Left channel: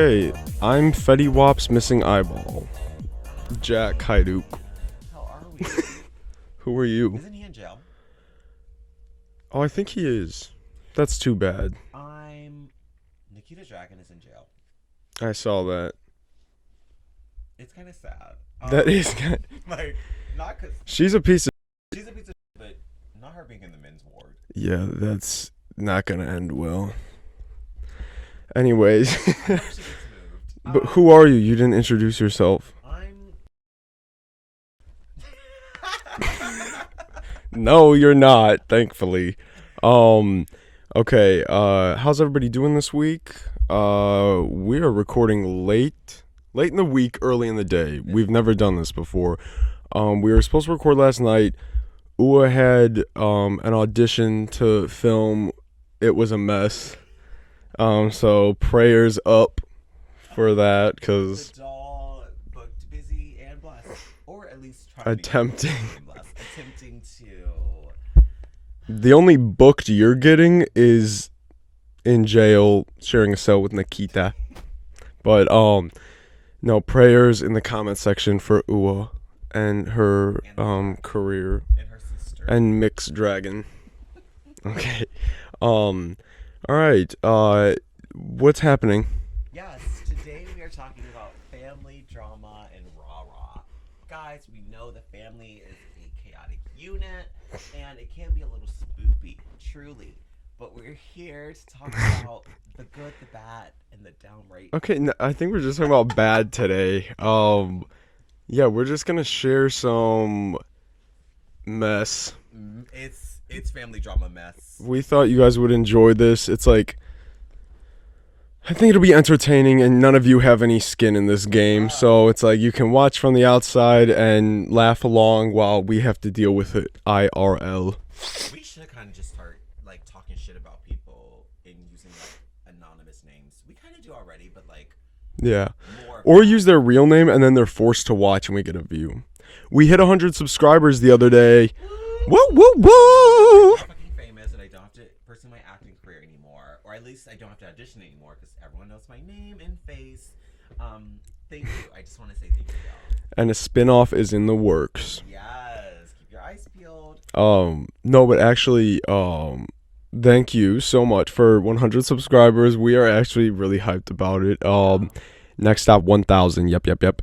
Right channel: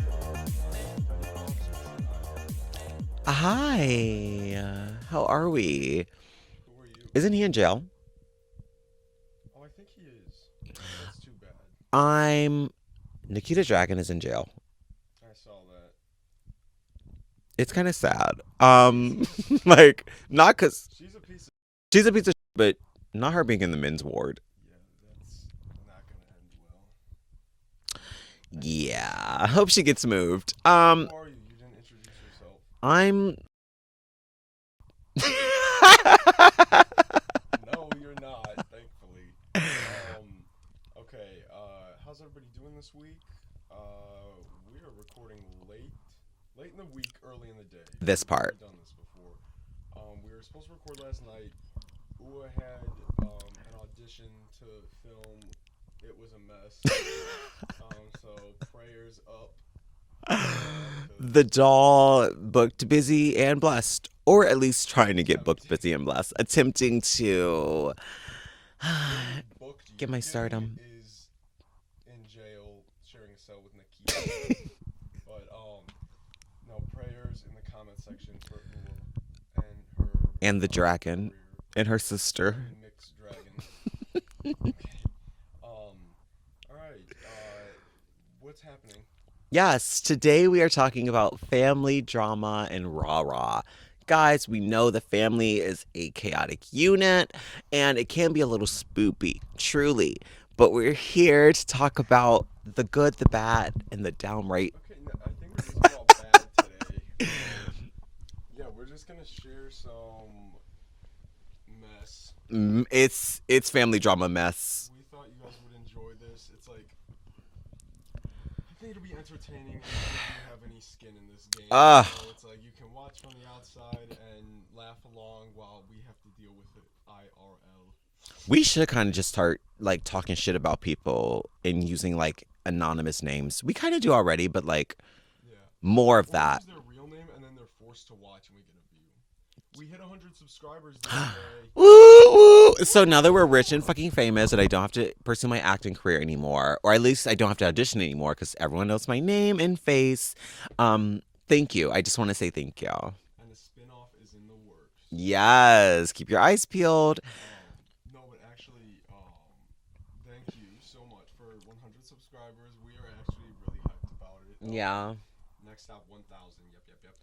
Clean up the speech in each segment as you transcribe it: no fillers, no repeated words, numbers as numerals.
Okay, I'm Fetty Wap's missing eyeball. Hi. Jack Haidu. How are we? Who are you? Isn't he in jail? Oh, I think he is. That's too bad. Nikita Dragon is in jail. I saw that. It's kind of sad. That is good. Like, not because She's a piece of... she's a piece of shit, but not her being in the men's ward. Yeah, that's not gonna end well. Anyways. Yeah, I hope she gets moved. But who are you? You didn't introduce yourself. I'm... No, you're not, thankfully. Okay, how's everybody doing this week? We are recording late in the week, early in the day. We've never done this before. We were supposed to record last night. Ua had an audition to film. It was a mess. So prayers up for that, because The doll booked busy and blessed. Or at least trying to get booked busy and blessed. Attempting to... The only booked you're getting is in jail sharing a cell with Nikita. But no, prayers in the comment section for Ua and her And the dragon. career. And her sister. And Mixed Dragon. Okay. All right. What's happening? Yes, today we are talking about family drama and rah-rah. Guys, we know the family is a chaotic unit, and it can be a little spoopy, truly. But we're here to talk about the good, the bad, and the downright. Okay, no, I think we're just talking about bad today. Yeah, we're just gonna share some mess. It's family drama mess. We thought you guys would enjoy this. It's like, I think it'll be entertaining, and none of you have any skin in this game, so it's like you can watch from the outside and laugh along while we have to deal with it IRL. We should kind of just start like talking shit about people and using like anonymous names. We kind of do already, but like more of or that. use their real name and then they're forced to watch and we get a view. We hit 100 subscribers the other day. Woo, woo, woo. So now that we're rich and fucking famous and I don't have to pursue my acting career anymore, or at least I don't have to audition anymore because everyone knows my name and face, thank you. I just want to say thank you. And a spin-off is in the works. Yes, keep your eyes peeled. No, but actually, thank you so much for 100 subscribers. We are actually really hyped about it. Next stop 1,000. Yep.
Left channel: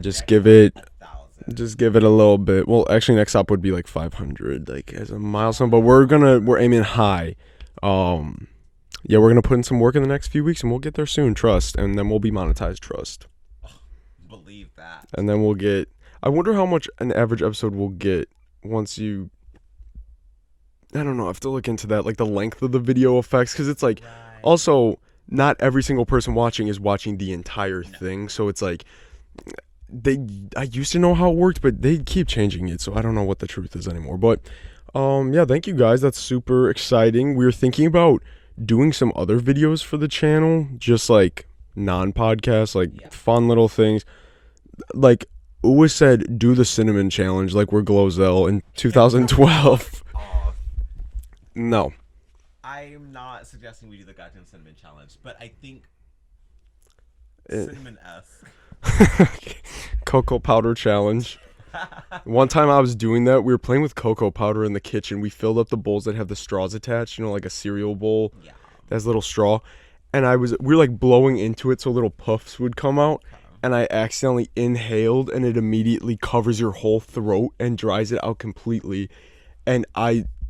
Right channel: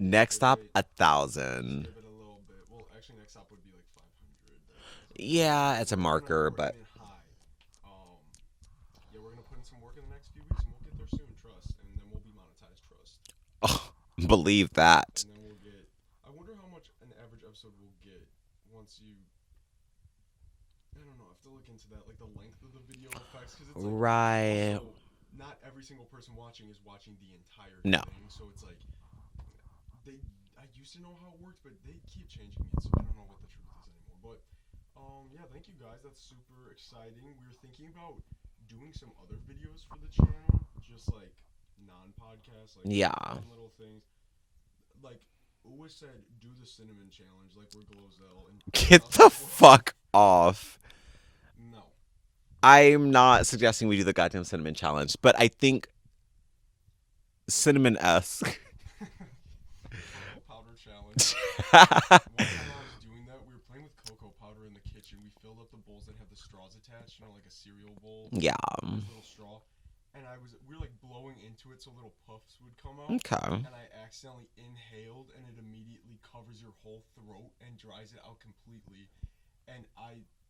Just next give stop, it 1,000. Just give it a little bit. Well, actually, next stop would be like 500, like as a milestone. But it's a we're aiming high. Yeah, we're gonna put in some work in the next few weeks, and we'll get there soon. Trust, and then we'll be monetized. Trust. Oh, believe that. And then we'll get. I wonder how much an average episode will get once you. I don't know. I have to look into that, like the length of the video effects, because it's like also not every single person watching is watching the entire thing, so it's like. I used to know how it worked, but they keep changing it, so I don't know what the truth is anymore. But yeah, thank you guys. That's super exciting. We were thinking about doing some other videos for the channel, just like non-podcasts, like fun little things. Like Uwa said, do the cinnamon challenge like we're Glozell in 2012. Get the fuck off. No. I'm not suggesting we do the goddamn cinnamon challenge, but I think cinnamon-esque. Cocoa powder challenge. One time I was doing that. We were playing with cocoa powder in the kitchen. We filled up the bowls that have the straws attached, you know, like a cereal bowl. Yeah. Has a little straw. And we were like blowing into it so little puffs would come out. Okay. And I accidentally inhaled and it immediately covers your whole throat and dries it out completely. And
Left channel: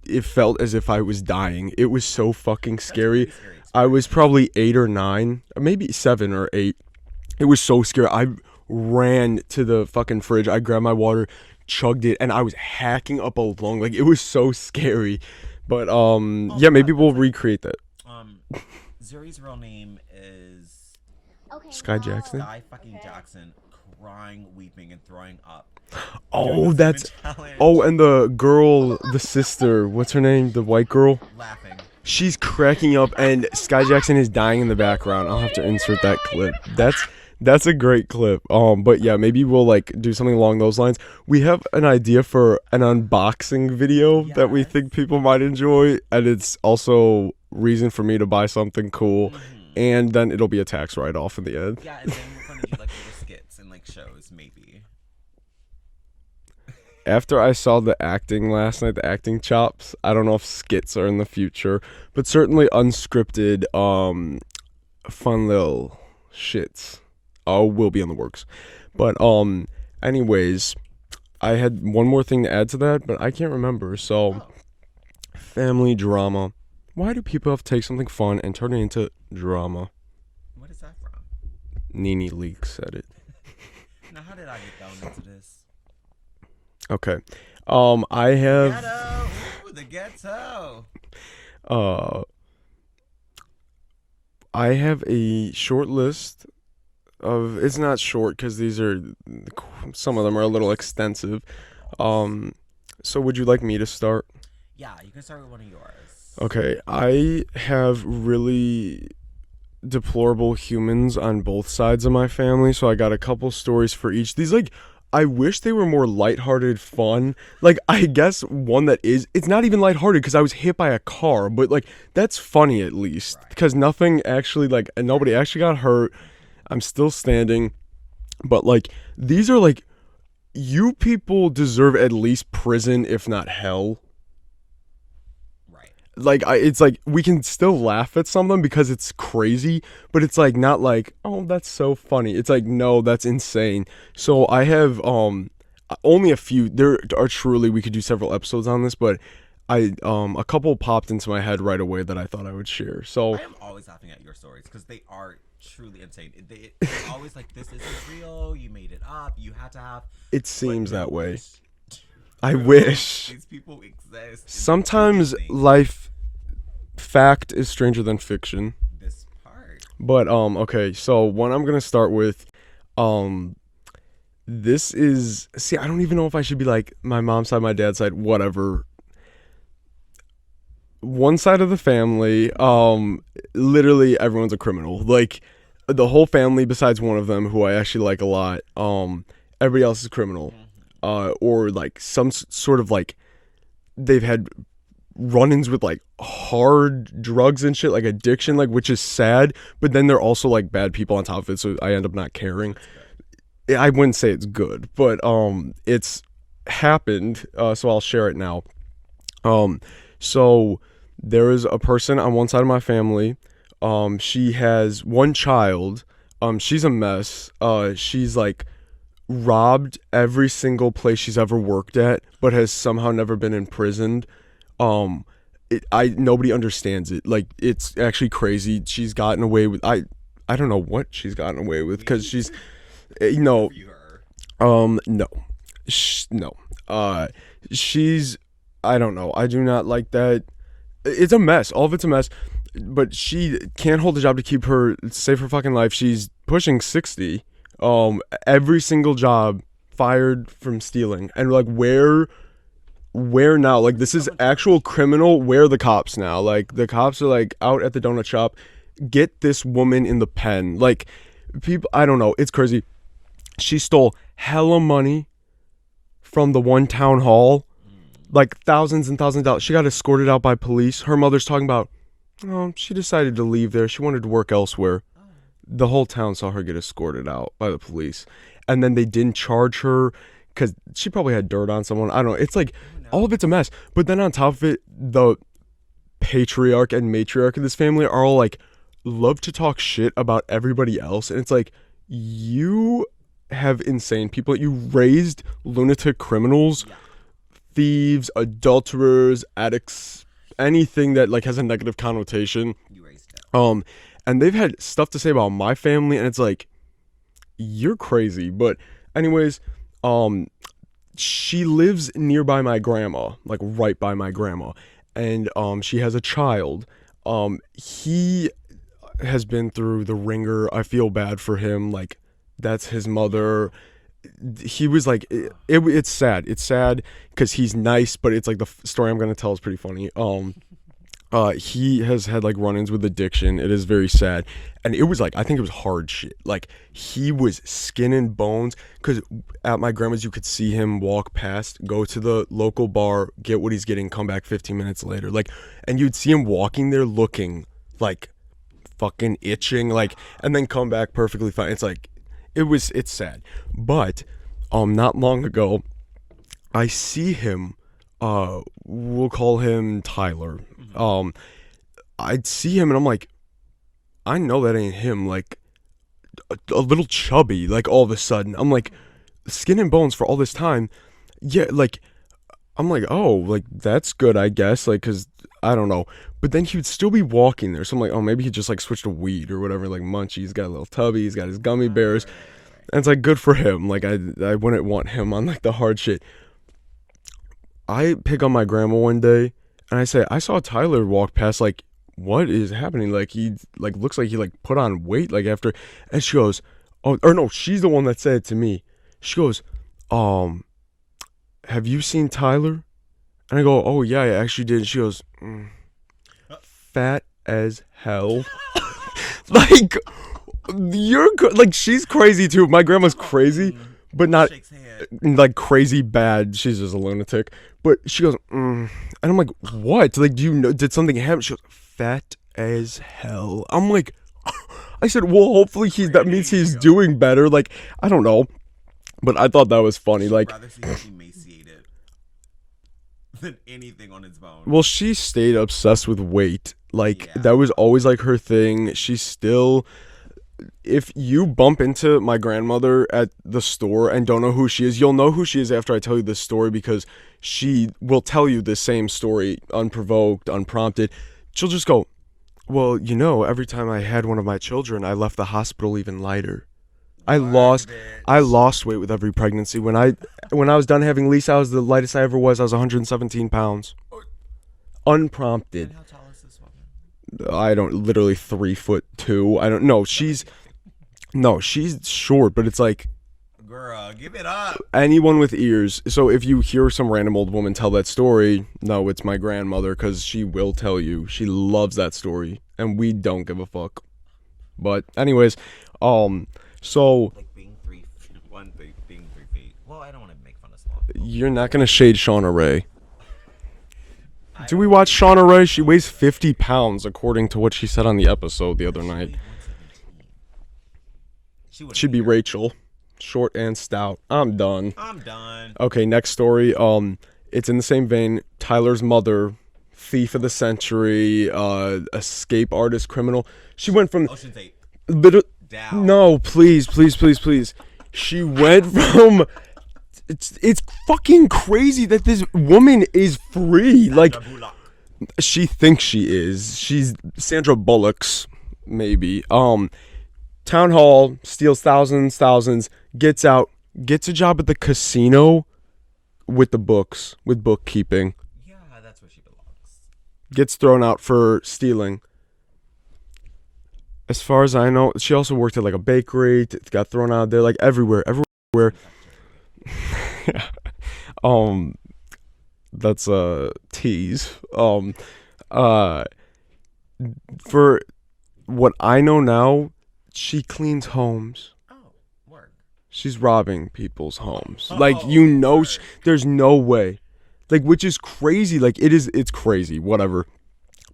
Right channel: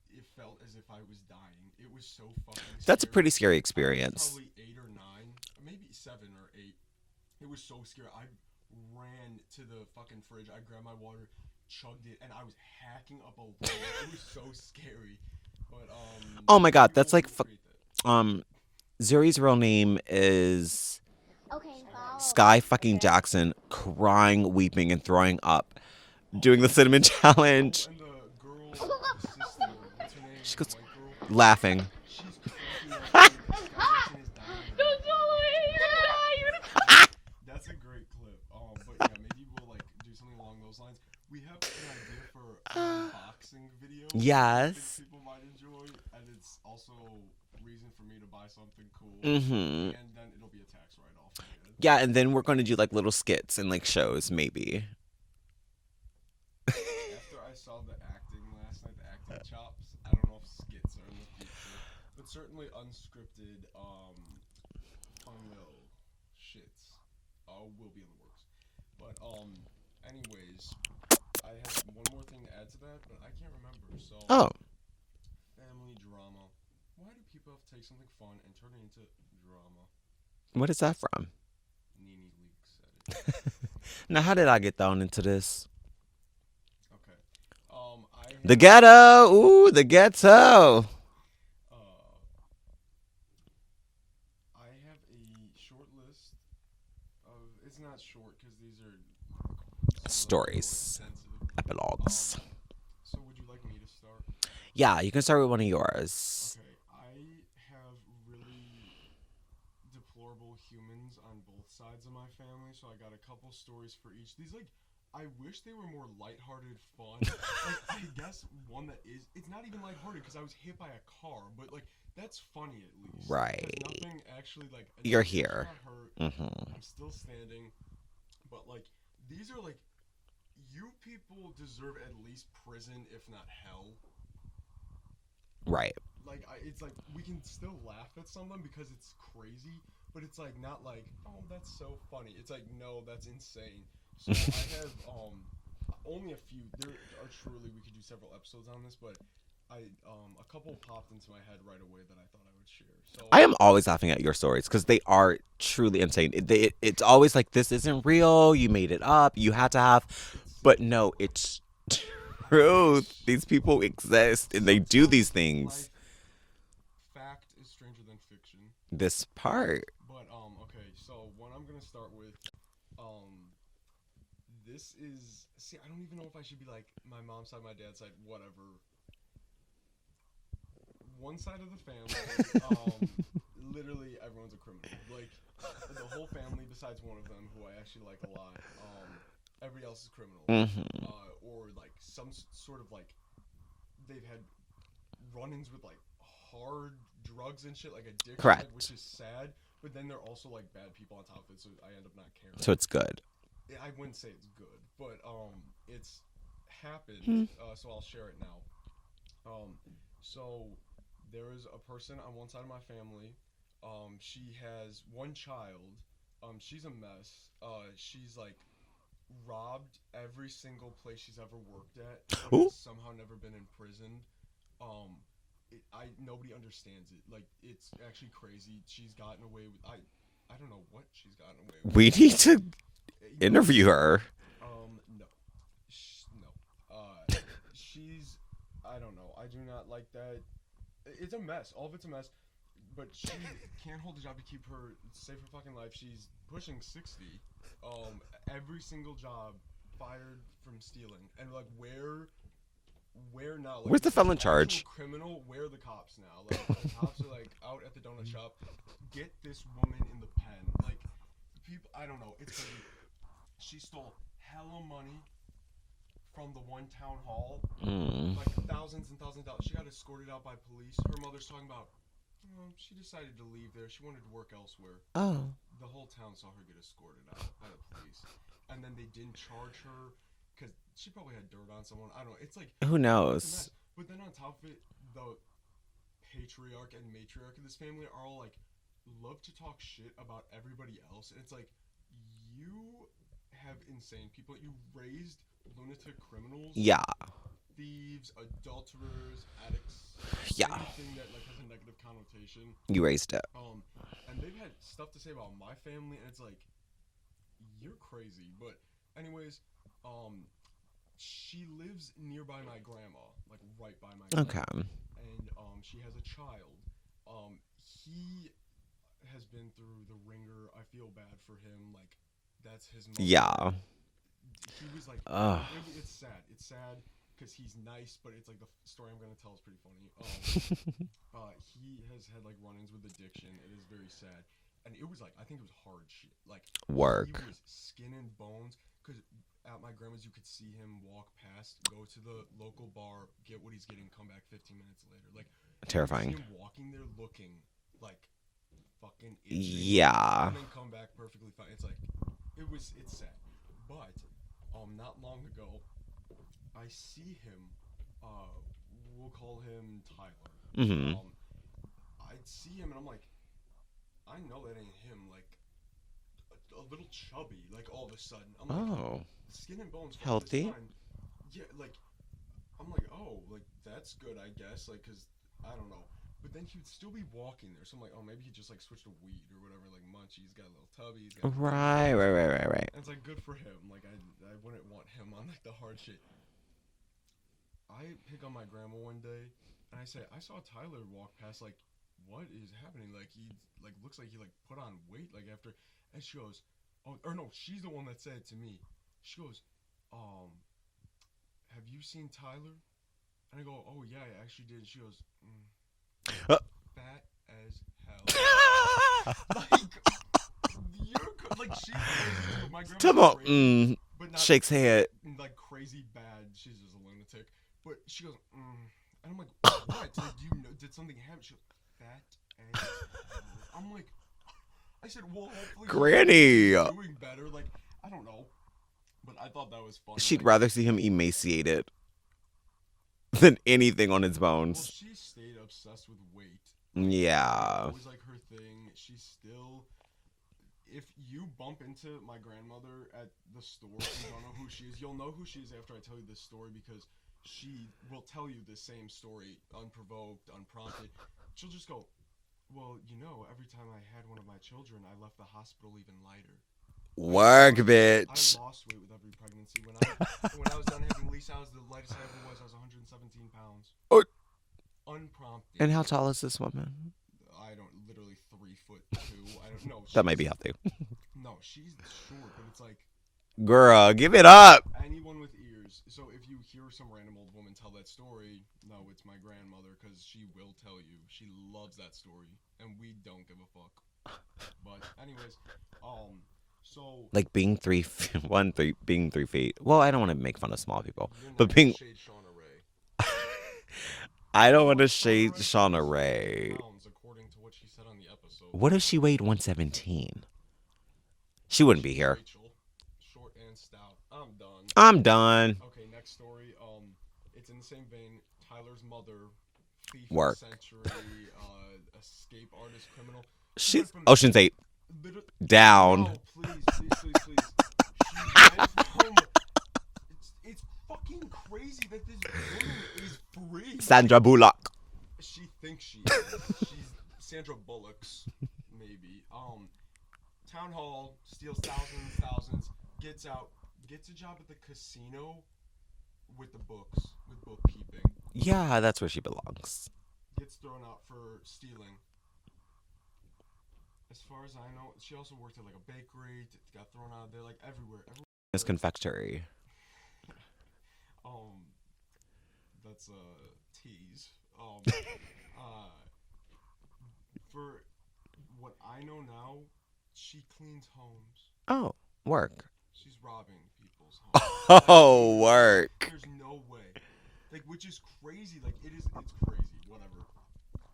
it felt as if I was dying. It was so fucking scary. That's a pretty scary experience. I was probably 8 or 9, maybe 7 or 8. It was so scary. I ran to the fucking fridge. I grabbed my water, chugged it, and I was hacking up a lung. Like, it was so scary. But yeah, maybe we'll recreate that. Zuri's real name is Sky Jackson. Sky fucking Jackson, crying, weeping, and throwing up. Doing the cinnamon challenge. Oh, and the girl, the sister, what's her name? The white girl? Laughing. She's cracking up, and Sky Jackson is dying in the background. I'll have to insert that clip. That's a great clip. But yeah, maybe we'll like do something along those lines. We have an idea for an unboxing video that we think people might enjoy, and it's also reason for me to buy something cool, and then it'll be a tax write-off in the end. Yeah, and then we're going to do like little skits and like shows, maybe. After I saw the acting last night, the acting chops, I don't know if skits are in the future, but certainly unscripted, fun little shits will be in the works. But anyways, I had one more thing to add to that, but I can't remember. So, family drama. Why do people have to take something fun and turn it into drama? What is that from? Nene Leak said it. Now, how did I get thrown into this? Okay. I have the ghetto. Ooh, the ghetto. I have a short list of. It's not short because these are some of them are a little extensive. So would you like me to start? Yeah, you can start with one of yours. Okay, I have really deplorable humans on both sides of my family, so I got a couple stories for each. These I wish they were more lighthearted fun. I guess one that is, it's not even lighthearted because I was hit by a car, but that's funny at least. Right. Because nothing actually and nobody actually got hurt. I'm still standing. But these are you people deserve at least prison, if not hell. Right. It's we can still laugh at some of them because it's crazy, but it's not oh, that's so funny. It's no, that's insane. So I have only a few. There are truly, we could do several episodes on this, but I a couple popped into my head right away that I thought I would share. So I am always laughing at your stories because they are truly insane. It's always this isn't real. You made it up. You had to have. It seems that way. It's I wish these people exist. And sometimes they do these things. Life fact is stranger than fiction. This part. But okay, so one I'm gonna start with, this is, see, I don't even know if I should be my mom's side, my dad's side, whatever. One side of the family, literally everyone's a criminal. The whole family besides one of them who I actually like a lot. Everybody else is criminal, or some sort of they've had run-ins with hard drugs and shit, addiction, which is sad. But then they're also bad people on top of it, so I end up not caring. So it's good. I wouldn't say it's good, but it's happened. So I'll share it now. So there is a person on one side of my family. She has one child. She's a mess. She's robbed every single place she's ever worked at, but has somehow never been imprisoned. Nobody understands it. It's actually crazy. She's gotten away with I don't know what she's gotten away with. We need to interview her. No. No. She's, I don't know. I do not like that. It's a mess. All of it's a mess. But she can't hold a job to keep her, save her fucking life. She's pushing 60. Every single job, fired from stealing. And where now? Where's this the is felon actual charge? criminal. Where are the cops now? The cops are out at the donut shop. Get this woman in the pen. People, I don't know. It's crazy. She stole hella money from the one town hall. Thousands and thousands of dollars. She got escorted out by police. Her mother's talking about, she decided to leave there. She wanted to work elsewhere. Oh. The whole town saw her get escorted out by the police. And then they didn't charge her because she probably had dirt on someone. I don't know. It's who knows? all of it's a mess. But then on top of it, the patriarch and matriarch of this family are all love to talk shit about everybody else. And it's you have insane people. You raised lunatic criminals. Yeah. Thieves, adulterers, addicts, anything that has a negative connotation. You raised it. And they've had stuff to say about my family, and it's you're crazy. But anyways, she lives nearby my grandma, right by my grandma. Okay. And she has a child. He has been through the ringer. I feel bad for him. That's his mother. he was like, it's sad. It's sad because he's nice, but it's like the story I'm gonna tell is pretty funny. He has had like run-ins with addiction. It is very sad, and it was like, I think it was hard shit. Like he was skin and bones. Because at my grandma's, you could see him walk past, go to the local bar, get what he's getting, come back 15 minutes later. Like, and you'd see him walking there looking like fucking itching, like, and then come back perfectly fine. It's like, it's sad. But not long ago, I see him, we'll call him Tyler. I'd see him and I'm like, I know that ain't him. Like a little chubby, like all of a sudden. I'm like, skin and bones for all this time. Yeah, like I'm like, oh, like that's good, I guess. Like, cause I don't know. But then he would still be walking there. So I'm like, oh, maybe he just like switched to weed or whatever. Like Munchie, he's got a little tubby, he's got his gummy bears. Right. And it's like good for him. Like I wouldn't want him on like the hard shit. I pick on my grandma one day and I say, I saw Tyler walk past, like, what is happening? Like he like looks like he like put on weight like after, and she goes, oh, or no, she's the one that said it to me. She goes, have you seen Tyler? And I go, oh yeah, I actually did. And she goes, fat as hell. Like you're like, she's crazy too. My grandma's crazy, but not shakes head like crazy bad. She's just a lunatic. But she goes, and I'm like, what? Like, do you know? Did something happen? She goes, fat as hell. I'm like, I said, well, hopefully that means he's doing better. Like, I don't know, but I thought that was funny. She'd like, rather see him emaciated than anything on his bones. Well, she stayed obsessed with weight. Like, that was always like her thing. She's still. If you bump into my grandmother at the store and don't know who she is, you'll know who she is after I tell you this story, because she will tell you the same story unprovoked, unprompted. She'll just go, well, you know, every time I had one of my children, I left the hospital even lighter. I lost weight with every pregnancy. When I was done having Lisa, I was the lightest I ever was. I was 117 pounds. Unprompted. And how tall is this woman? I don't, literally 3'2". I don't know. That might be healthy. No, she's short, but it's like, girl, give it up. Anyone with ears. So if you hear some random old woman tell that story, no, it's my grandmother, because she will tell you. She loves that story, and we don't give a fuck. But anyways, so like being being 3 feet. Well, I don't want to make fun of small people. You're not gonna shade Shauna Ray. Do we watch Shauna Ray? She weighs 50 pounds, according to what she said on the episode the other night. What if she weighed 117? She wouldn't Should be here. Rachel. Short and stout. I'm done. Okay, next story. It's in the same vein. Tyler's mother, thief of the century, escape artist, criminal. She went from Ocean's 8. Down. No, please. She went from. It's fucking crazy that this woman is free. Sandra Bullock. She thinks she is. She's Sandra Bullock's, maybe. Town hall, steals thousands, gets out, gets a job at the casino with the books, with bookkeeping. Yeah, that's where she belongs. Gets thrown out for stealing. As far as I know, she also worked at like a bakery, got thrown out there, like everywhere. Confectionery. That's a tease. For what I know now, she cleans homes. Oh, work. She's robbing people's homes. Like, you know, there's no way. Like, which is crazy. Like, it's crazy, whatever.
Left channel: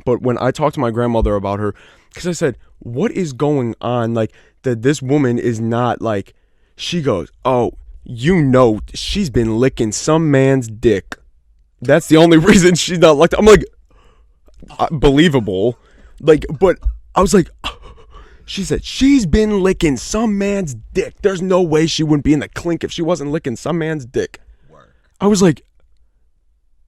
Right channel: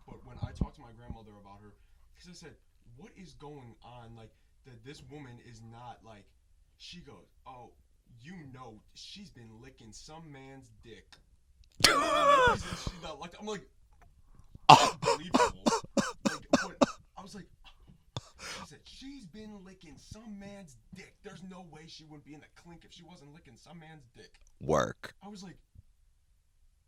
But when I talked to my grandmother about her, because I said, what is going on? Like, that this woman is not like, she goes, oh, you know, she's been licking some man's dick. That's the only reason she's not locked. I'm like, believable. Like, but I was like, she said, she's been licking some man's dick. There's no way she wouldn't be in the clink if she wasn't licking some man's dick. Work. I was like,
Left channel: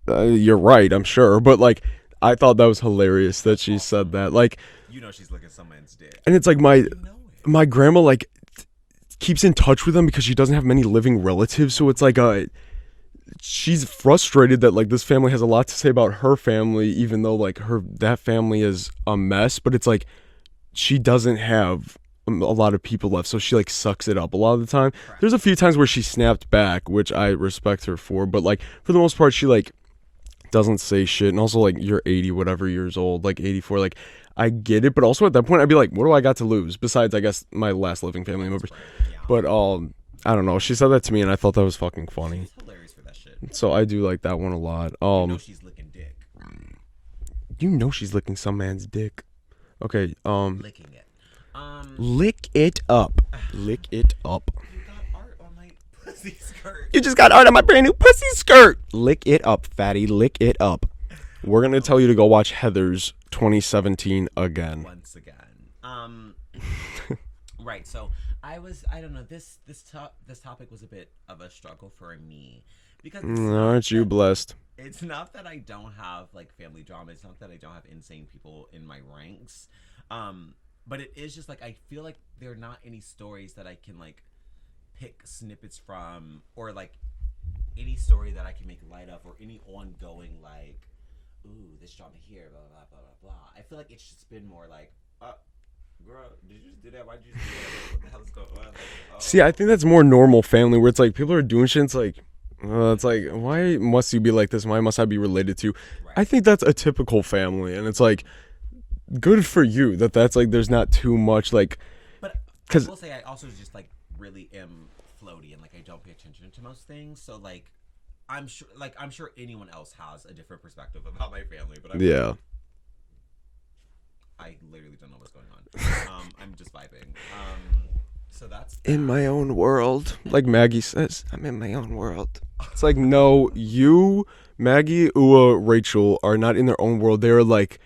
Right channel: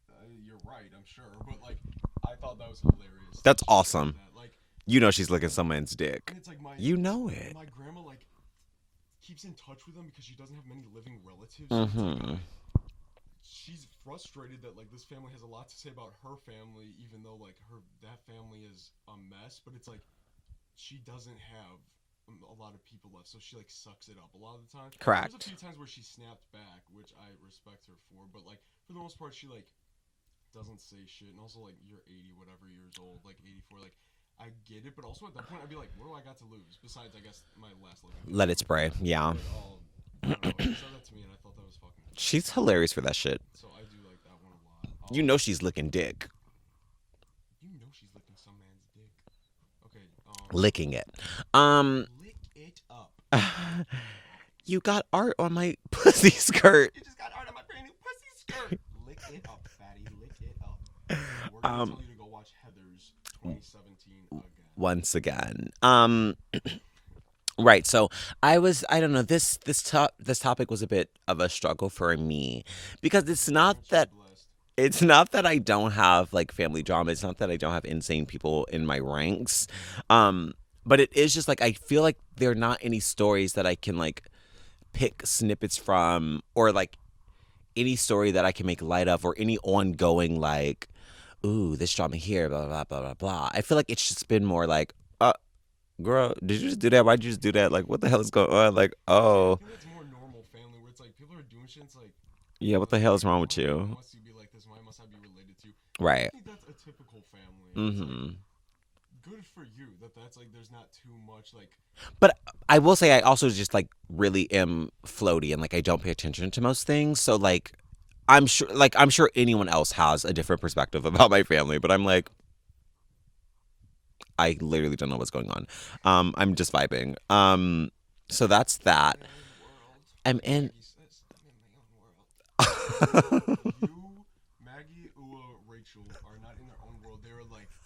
you're right, I'm sure. But like, I thought that was hilarious that she said that. Like, you know, she's licking some man's dick. And it's like you know it. My grandma, like, keeps in touch with them because she doesn't have many living relatives. So it's like, she's frustrated that like this family has a lot to say about her family, even though like that family is a mess. But it's like, she doesn't have a lot of people left, so she like sucks it up a lot of the time. Correct. There's a few times where she snapped back, which I respect her for, but like for the most part, she like doesn't say shit. And also like you're 80 whatever years old, like 84, like I get it, but also at that point I'd be like, what do I got to lose besides I guess my last living family Let it members? spray. Yeah. But I don't know. She said that to me, and I thought that was fucking funny. She's hilarious for that shit. So I do like that one a lot. You know she's licking dick. You know she's licking some man's dick. Okay. Licking it. Lick it up. Lick it up. You got art on my pussy skirt. You just got art on my brand new pussy skirt. Lick it up, fatty. Lick it up. We're gonna tell you to go watch Heather's 2017 again. Once again. Right. So I don't know. This topic was a bit of a struggle for me because it's not. Aren't you blessed? It's not that I don't have like family drama. It's not that I don't have insane people in my ranks. But it is just like I feel like there are not any stories that I can like pick snippets from, or like any story that I can make light of, or any ongoing like, ooh, this drama here, blah blah blah blah blah. I feel like it's just been more like, girl, did you just do that? Why'd you just do that? Like, what the hell is going on? Like, oh. See, I think that's more normal family where it's like people are doing shit. It's like, yeah, what the hell is wrong with you? Why must you be like this? Why must I be related to? Right. I think that's a typical family, and it's like, good for you that's like there's not too much like. But I will say I also just like really am floaty and like I don't pay attention to most things. So like, I'm sure anyone else has a different perspective about my family, but I'm like, I literally don't know what's going on. I'm just vibing. So that's that. In my own world. Like Maggie says, I'm in my own world. It's like, no, you, Maggie, Ua, Rachel are not in their own world. They're like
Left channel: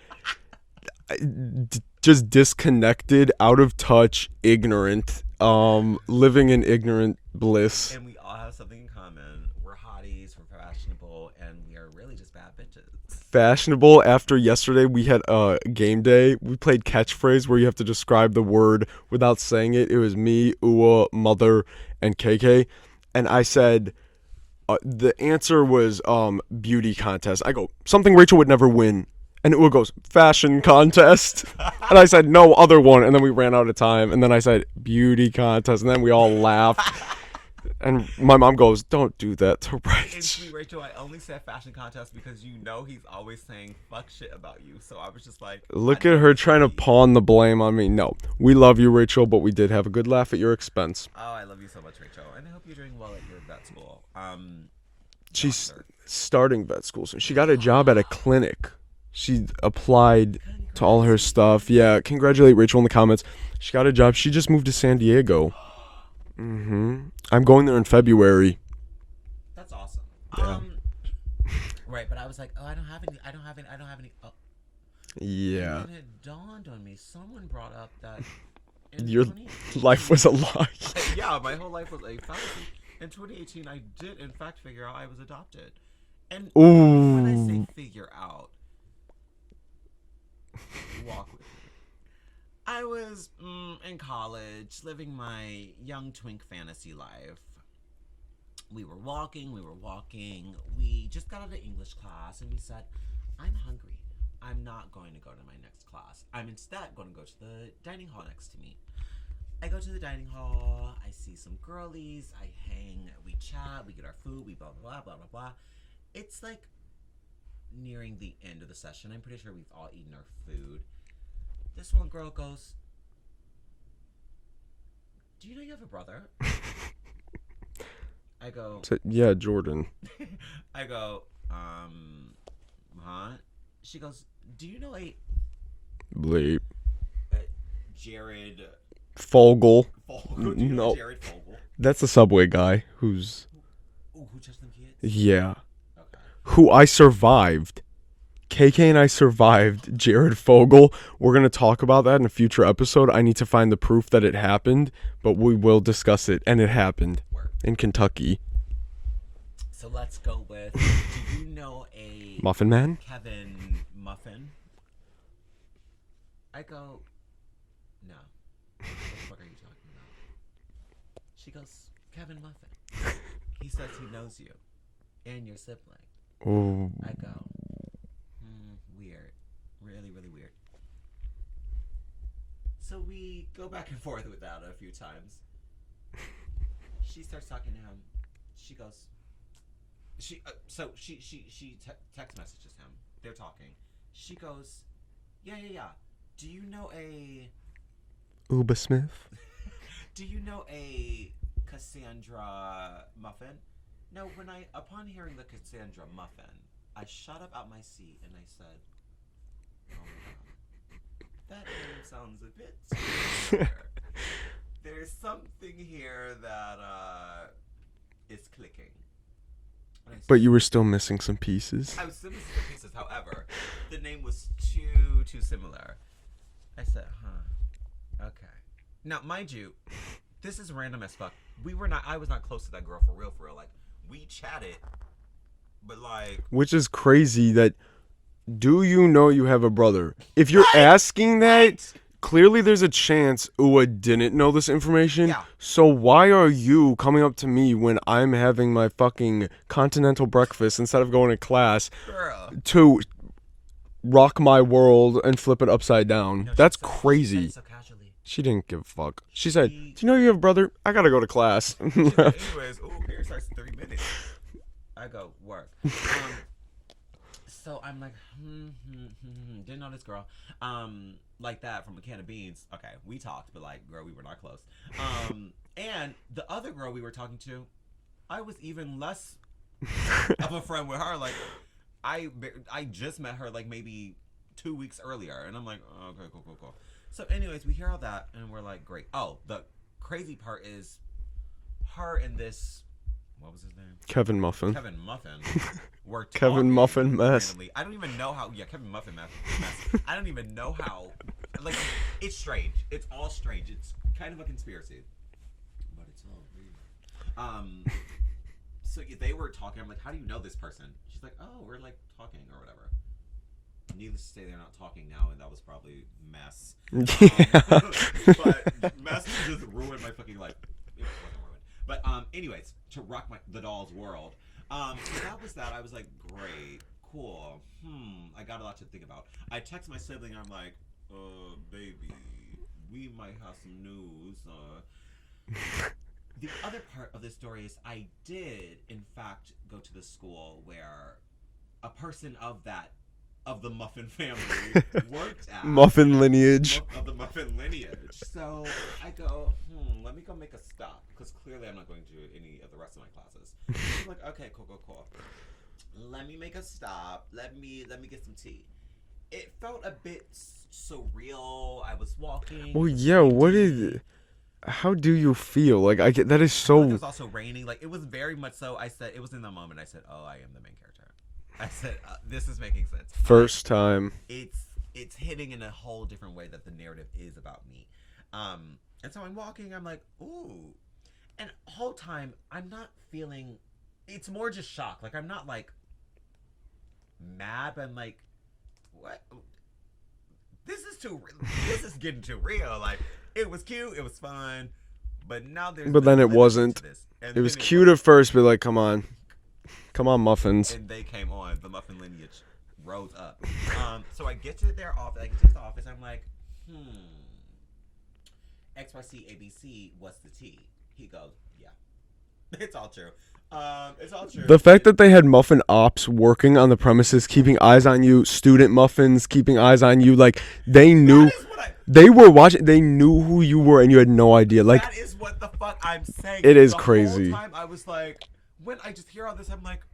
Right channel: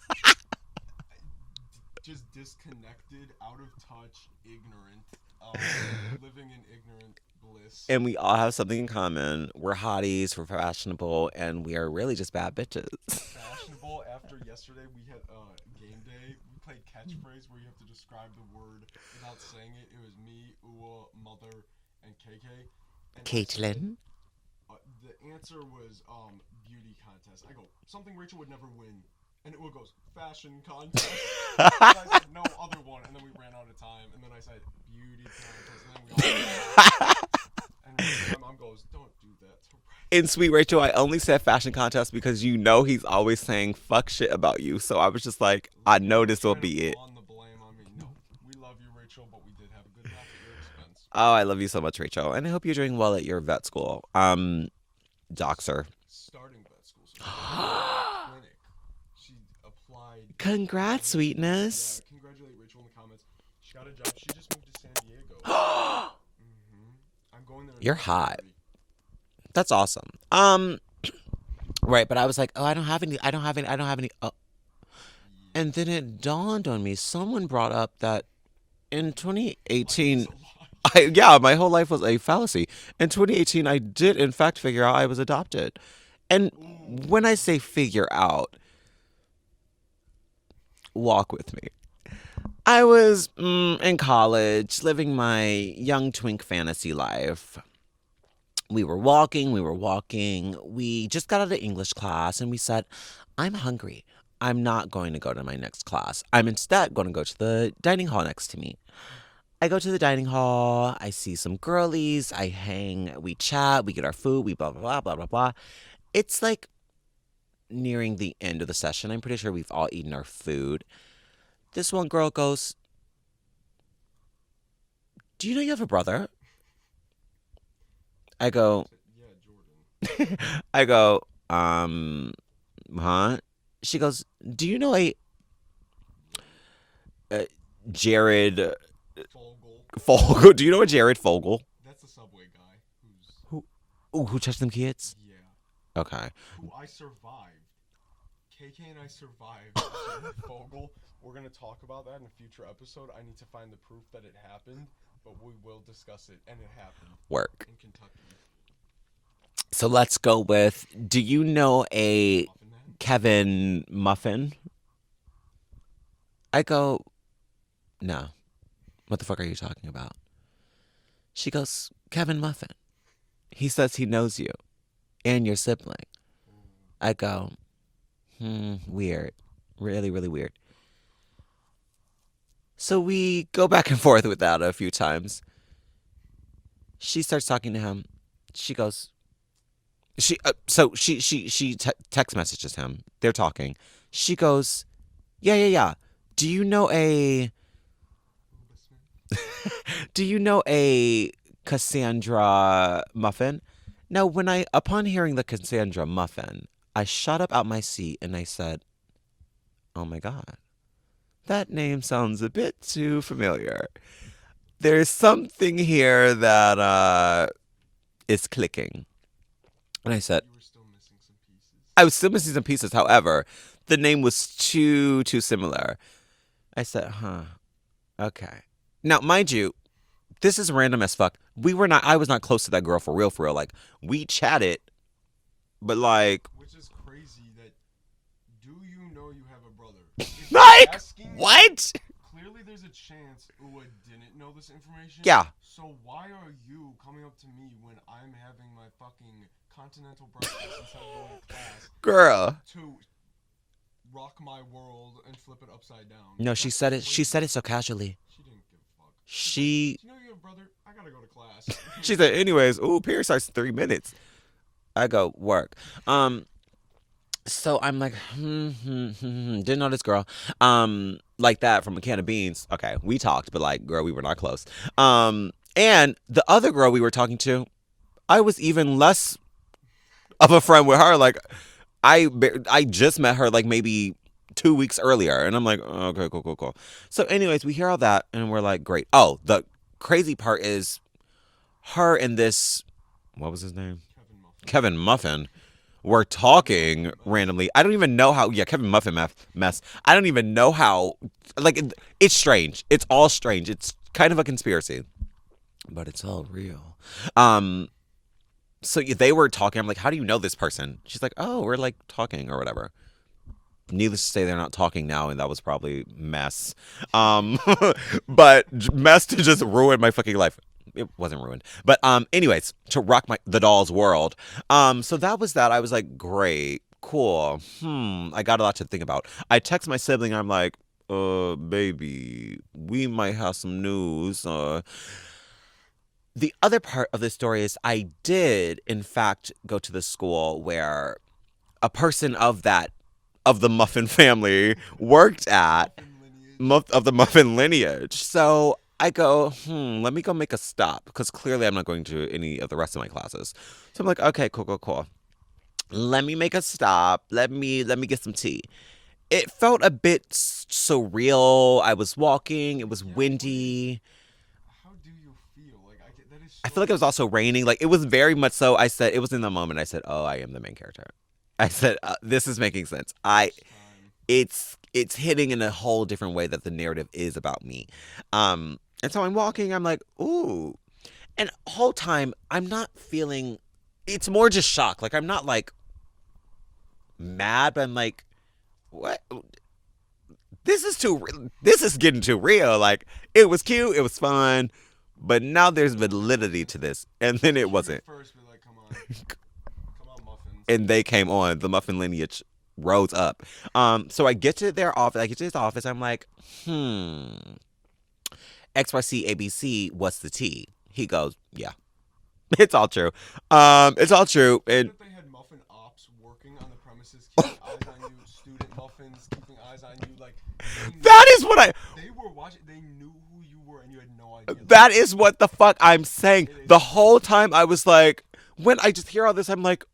just disconnected, out of touch, ignorant, living in ignorant bliss. And we all have something in common. We're hotties, we're fashionable, and we are really just bad bitches. Fashionable. After yesterday, we had a game day. We played catchphrase where you have to describe the word without saying it. It was me, Ua, Mother, and KK. And I said, the answer was beauty contest. I go, something Rachel would never win. And Ua goes, fashion contest. And I said, no, other one. And then we ran out of time. And then I said, beauty contest. And then we all laughed. And my mom goes, don't do that to Rachel. And sweet Rachel, I only said fashion contest because you know he's always saying fuck shit about you. So I was just like, look at her trying to pawn the blame on me. No, we love you, Rachel, but we did have a good laugh at your expense. Oh, I love you so much, Rachel. And I hope you're doing well at your vet school. She's starting vet school. So she got a job at a clinic. She applied to all her stuff. Yeah, congratulate Rachel in the comments. She got a job. She just moved to San Diego. I'm going there in February. Hot. That's awesome. Right, but I was like, oh, I don't have any. Yeah. And then it dawned on me. Someone brought up that in Your 2018, life was a lie. Yeah, my whole life was a fallacy. In 2018, I did in fact figure out I was adopted. And when I say figure out, walk with me. I was in college, living my young twink fantasy life. We were walking. We just got out of English class, and we said, I'm hungry. I'm not going to go to my next class. I'm instead going to go to the dining hall next to me. I go to the dining hall. I see some girlies. I hang. We chat. We get our food. We blah, blah, blah, blah, blah, blah. It's like nearing the end of the session. I'm pretty sure we've all eaten our food. This one girl goes, do you know you have a brother? I go, yeah, Jordan. I go, huh? She goes, do you know a Bleep. Jared Fogle? Do you know a Jared Fogle? That's the Subway guy who touched them kids? Yeah. Okay. Who I survived. KK and I survived Jared Fogle. We're going to talk about that in a future episode. I need to find the proof that it happened, but we will discuss it. And it happened. Work. In Kentucky. So let's go with, do you know a Muffin Man? Kevin Muffin? I go, no. What the fuck are you talking about? She goes, Kevin Muffin. He says he knows you and your sibling. Oh. I go, weird. Really, really weird. So we go back and forth with that a few times. She starts talking to him. She goes, she text messages him. They're talking. She goes, yeah. Do you know a Uba Smith? Do you know a Cassandra muffin? Now, upon hearing the Cassandra muffin, I shot up out my seat and I said, "Oh my god, that name sounds a bit too familiar. There's something here that is clicking." And I said, But you were still missing some pieces. I was still missing some pieces. However, the name was too similar. I said, "Huh, okay." Now, mind you, this is random as fuck. I was not close to that girl for real. Like, we chatted, but like, Which is crazy that, do you know you have a brother? If you're Right? asking that, What? clearly there's a chance Ua didn't know this information. Yeah. So why are you coming up to me when I'm having my fucking continental breakfast instead of going to class girl. to rock my world and flip it upside down? No, That's she said crazy. it. She said it so casually. She didn't give a fuck. She said, "Do She you know you have a brother? I gotta go to class." she said, anyways, ooh, period starts in 3 minutes. I go, work. So I'm like, didn't know this girl. Like that from a can of beans. Okay, we talked, but like, girl, we were not close. And the other girl we were talking to, I was even less of a friend with her. Like, I just met her like maybe 2 weeks earlier, and I'm like, oh, okay, cool. So, anyways, we hear all that, and we're like, great. Oh, the crazy part is her and this, what was his name? Kevin Muffin. Kevin Muffin. Were talking Muffin mess. randomly. I don't even know how. Yeah, Kevin Muffin mess. I don't even know how. Like, it's strange. It's all strange. It's kind of a conspiracy, but it's all real. So they were talking. I'm like, how do you know this person? She's like, oh, we're like talking or whatever. Needless to say, they're not talking now, and that was probably mess. But mess to just ruin my fucking life. It wasn't ruined. But anyways, to rock the doll's world. So that was that. I was like, great, cool. I got a lot to think about. I text my sibling. I'm like, baby, we might have some news. The other part of the story is I did, in fact, go to the school where a person of the Muffin family worked at. Muffin lineage. Of the Muffin lineage. So I go, let me go make a stop, because clearly I'm not going to any of the rest of my classes. So I'm like, okay, cool. Let me make a stop. Let me get some tea. It felt a bit surreal. I was walking. It was windy. How do you feel? Like, that is so. I feel like it was also raining. Like, it was very much so. I said, it was in the moment. I said, oh, I am the main character. I said, this is making sense. First time. It's hitting in a whole different way that the narrative is about me. And so I'm walking. I'm like, ooh. And the whole time, I'm not feeling. It's more just shock. Like, I'm not like mad, but I'm like, what? This is getting too real. Like, it was cute. It was fun. But now there's validity to this. And then it was cute at first, but like, come on. Come on, muffins. And they came on. The muffin lineage rose up. So I get to their office. I get to his office. I'm like, XYC ABC, what's the tea? He goes, yeah. It's all true. It's all true. The fact that they had muffin ops working on the premises, keeping eyes on you, student muffins keeping eyes on you, like, they knew. That is what they were watching. They knew who you were, and you had no idea. Like, that is what the fuck I'm saying. It is the crazy. Whole time I was like, when I just hear all this, I'm like,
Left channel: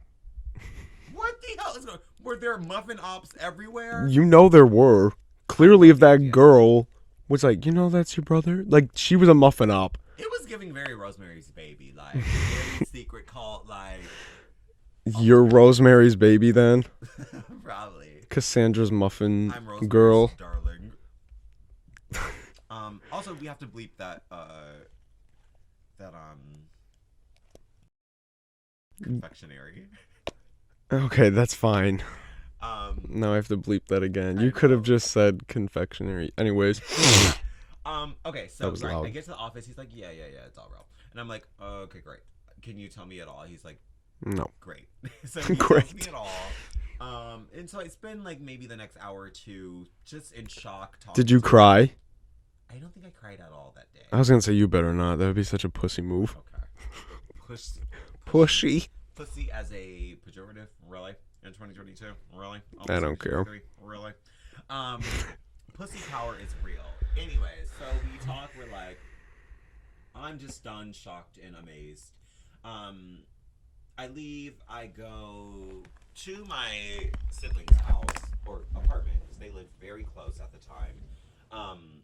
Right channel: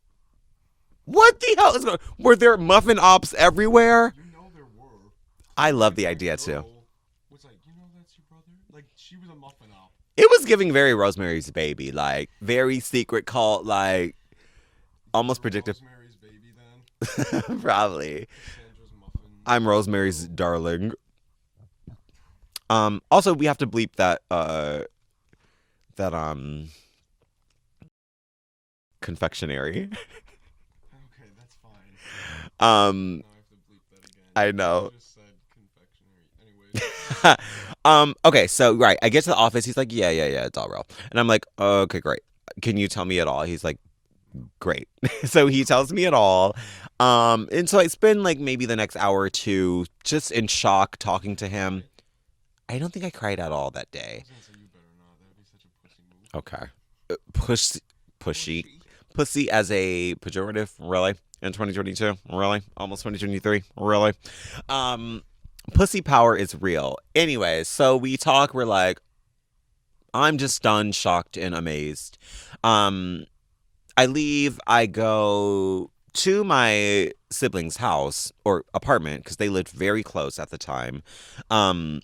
what the hell is going on? Were there muffin ops everywhere? You know there were. Clearly, if that girl was like, that's your brother. Like, she was a muffin op. It was giving very Rosemary's Baby, like very secret cult, like. You're Rosemary's Baby then? Probably. Cassandra's muffin. I'm Rosemary's girl. darling. Also, we have to bleep that confectionery. Okay, that's fine. Now I have to bleep that again. You could have just said confectionery. Anyways. Okay, so right, I get to the office. He's like, yeah, it's all real. And I'm like, okay, great. Can you tell me it all? He's like, no. Great. So he tells me it all. And so I spend like maybe the next hour or two just in shock talking to him. Did you cry? I don't think I cried at all that day. I was gonna say you better not. That would be such a pussy move. Okay. Pushy pussy as a pejorative, really? In 2022, really? Almost 2023, really? Pussy power is real. Anyways, so we talk. We're like, I'm just stunned, shocked, and amazed. I leave. I go to my siblings' house or apartment because they lived very close at the time. I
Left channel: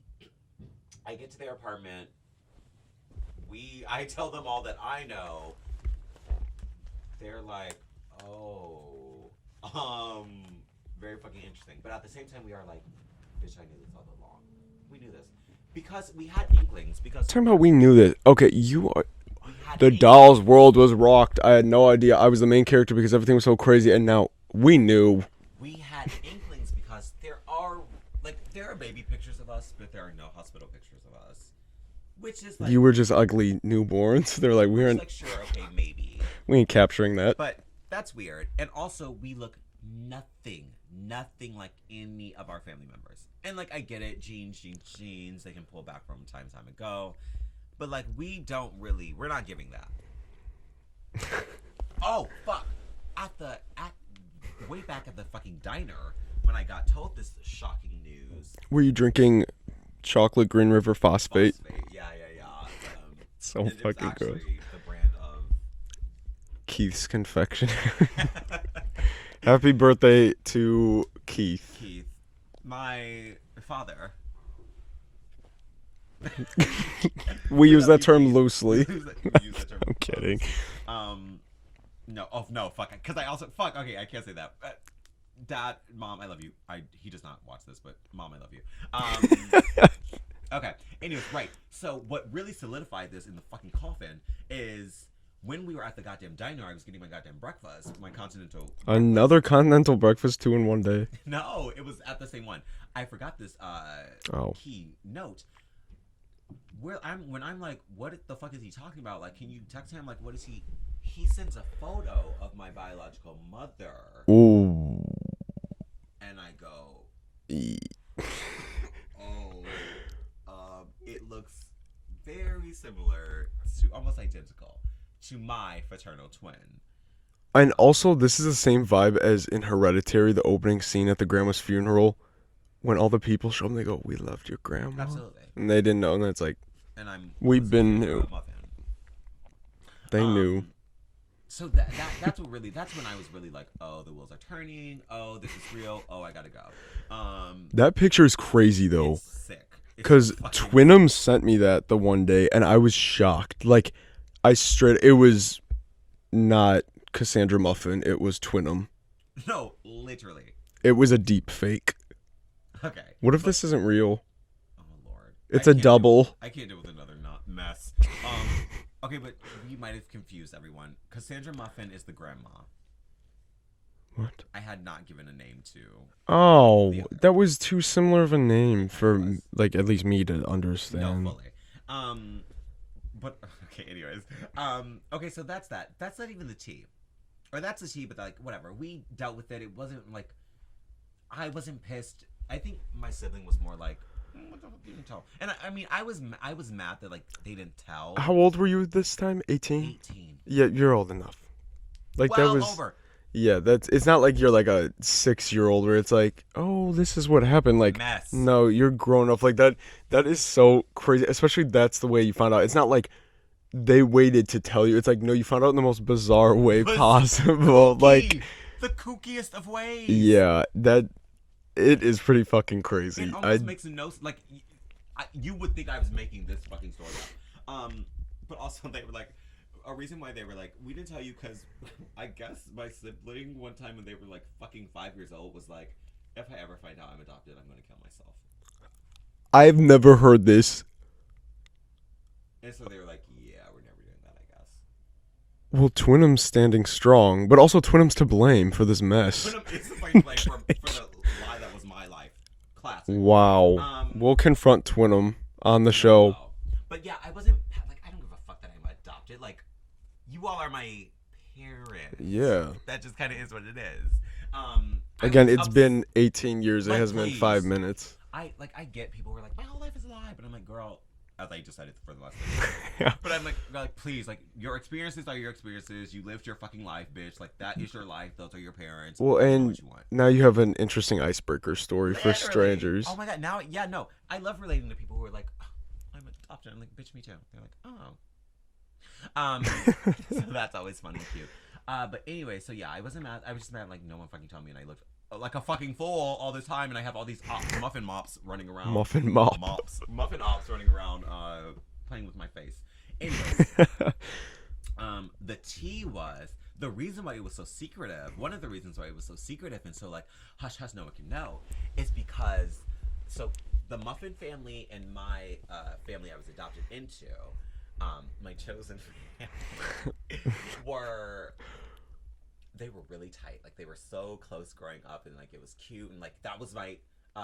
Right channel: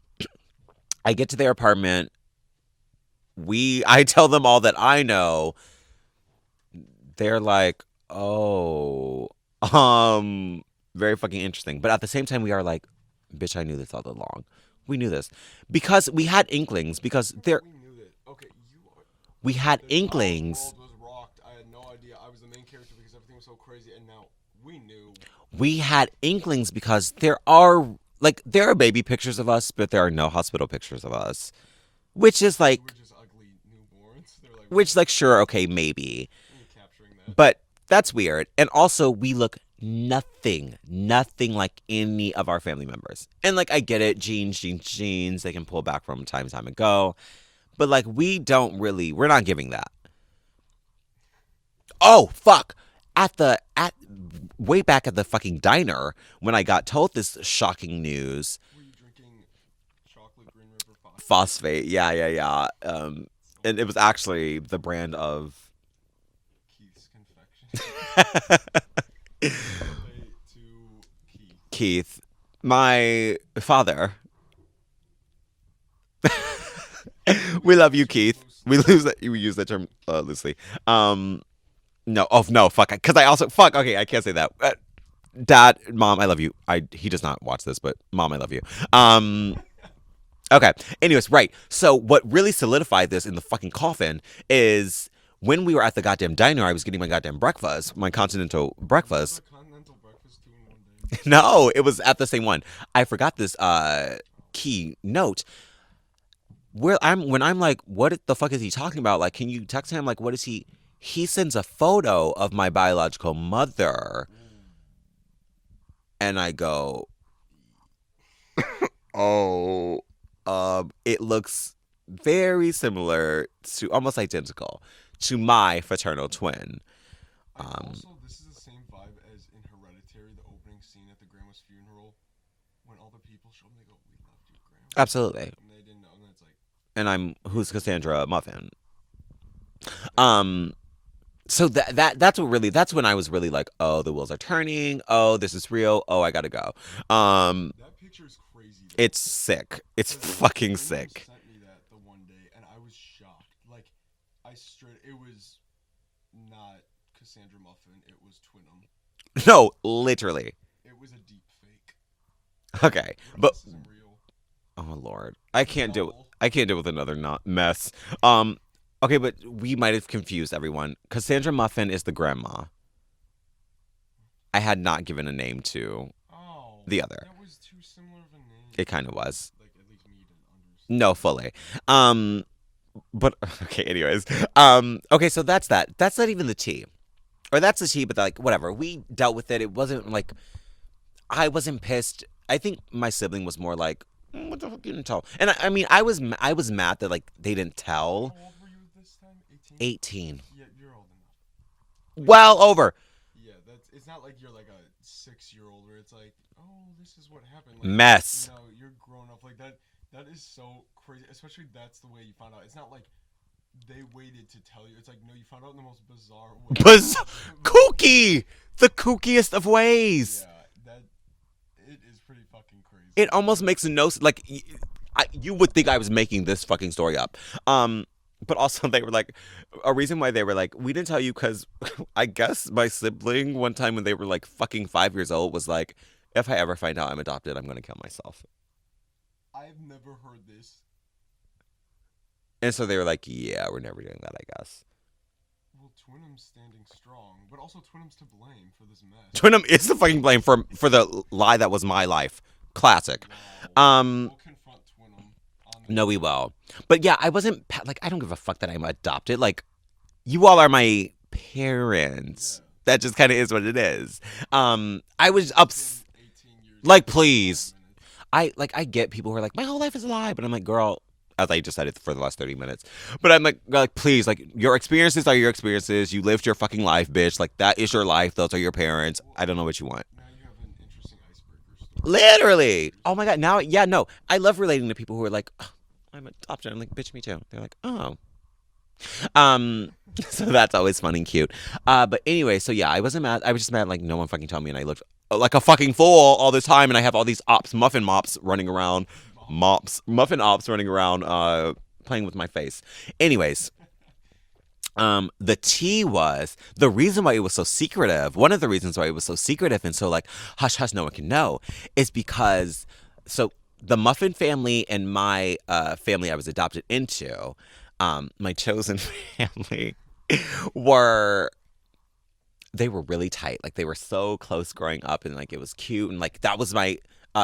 get to their apartment. I tell them all that I know. They're like, oh, very fucking interesting. But at the same time, we are like, bitch, I knew this all along. We knew this because we had inklings. Because we knew this. Okay, we had the inklings. doll's world was rocked. I had no idea. I was the main character because everything was so crazy, and now we knew. We had inklings because there are baby pictures of us, but there are no hospital pictures of us. Which is like... You were just ugly newborns. They're like... sure, okay, maybe. We ain't capturing that. But that's weird. And also, we look nothing like any of our family members. And, like, I get it. Genes. They can pull back from time ago. But, like, we're not giving that. Oh, fuck. Way back at the fucking diner, when I got told this shocking news... Were you drinking... chocolate Green River phosphate. Yeah. And it was actually the brand of Keith's Confectionery. Happy birthday to Keith, my father. we love that you, term Keith. Loosely. We use that term loosely. No, fuck. Because I also okay. I can't say that. Dad, Mom, I love you. He does not watch this, but Mom, I love you. Okay. Anyways, right. So what really solidified this in the fucking coffin is when we were at the goddamn diner, I was getting my goddamn breakfast, my continental breakfast. Another continental breakfast 2 in one day. No, it was at the same one. I forgot this key note. When I'm like, what the fuck is he talking about? Like, can you text him? Like, what is he? He sends a photo of my biological mother. Ooh. And I go, oh, it looks very similar to, almost identical to my fraternal twin. And also, this is the same vibe as in Hereditary, the opening scene at the grandma's funeral. When all the people show them, they go, "We loved your grandma." Absolutely. And they didn't know, and it's like, and who's Cassandra Muffin. Knew. So that's when I was really like, oh, the wheels are turning. Oh, this is real. Oh, I gotta go. That picture is crazy though. It's sick. Because Twinum sent me that the one day, and I was shocked. Like, it was not Cassandra Muffin. It was Twinum. No, literally. It was a deep fake. Okay. What if this isn't real? Oh Lord, it's a double. I can't deal with another mess. Okay, but we might have confused everyone. Cassandra Muffin is the grandma. What? I had not given a name to the other. That was too similar of a name. It kind of was. Like, at least me to understand. No, fully. But, okay, anyways. Okay, so that's that. That's not even the tea. Or that's the tea, but like, whatever. We dealt with it. It wasn't like, I wasn't pissed. I think my sibling was more like, what the fuck, you didn't tell? And I mean, I was mad that like they didn't tell. How old were you this time? 18? 18. Yeah, you're old enough. Like, over. Yeah, it's not like you're like a 6-year-old where it's like, oh, this is what happened. Like, mess. No, you're grown up. Like, that is so crazy. Especially that's the way you found out. It's not like they waited to tell you. It's like, no, you found out in the most bizarre way possible. Kooky! Like, the kookiest of ways. Yeah, it is pretty fucking crazy. It almost makes no sense. Like, you would think I was making this fucking story up. But also they were like, a reason why they were like, we didn't tell you because I guess my sibling one time when they were like fucking 5 years old was like, if I ever find out I'm adopted, I'm going to kill myself. I've never heard this. And so they were like, yeah, we're never doing that, I guess. Well, Twinum's standing strong, but also Twinum's to blame for this mess. Twinum is the fucking blame for the lie that was my life. Classic. Wow. We'll confront Twinum on the show. We will. But yeah, I wasn't like, I don't give a fuck that I'm adopted. Like, you all are my parents. Yeah. That just kind of is what it is. It's been 18 years. Like, please. Like 5 minutes. I get people who are like, my whole life is a lie, but I'm like, girl, as I just said it for the last 30 minutes. But I'm like, please, like, your experiences are your experiences. You lived your fucking life, bitch. Like, that is your life. Those are your parents. Well, I don't know what you want. Now you have an interesting icebreaker story. Literally. Oh my God. Now, yeah, no. I love relating to people who are like, oh, I'm adopted. I'm like, bitch, me too. They're like, oh. So that's always fun and cute. But anyway, so yeah, I wasn't mad. I was just mad, like, no one fucking told me, and I looked like a fucking fool all this time, and I have all these muffin mops running around. Muffin ops running around, playing with my face. Anyways. The tea was the reason why it was so secretive. One of the reasons why it was so secretive and so like hush hush, no one can know, is because the Muffin family and my family I was adopted into, my chosen family, they were really tight. Like, they were so close growing up, and like it was cute, and like that was my.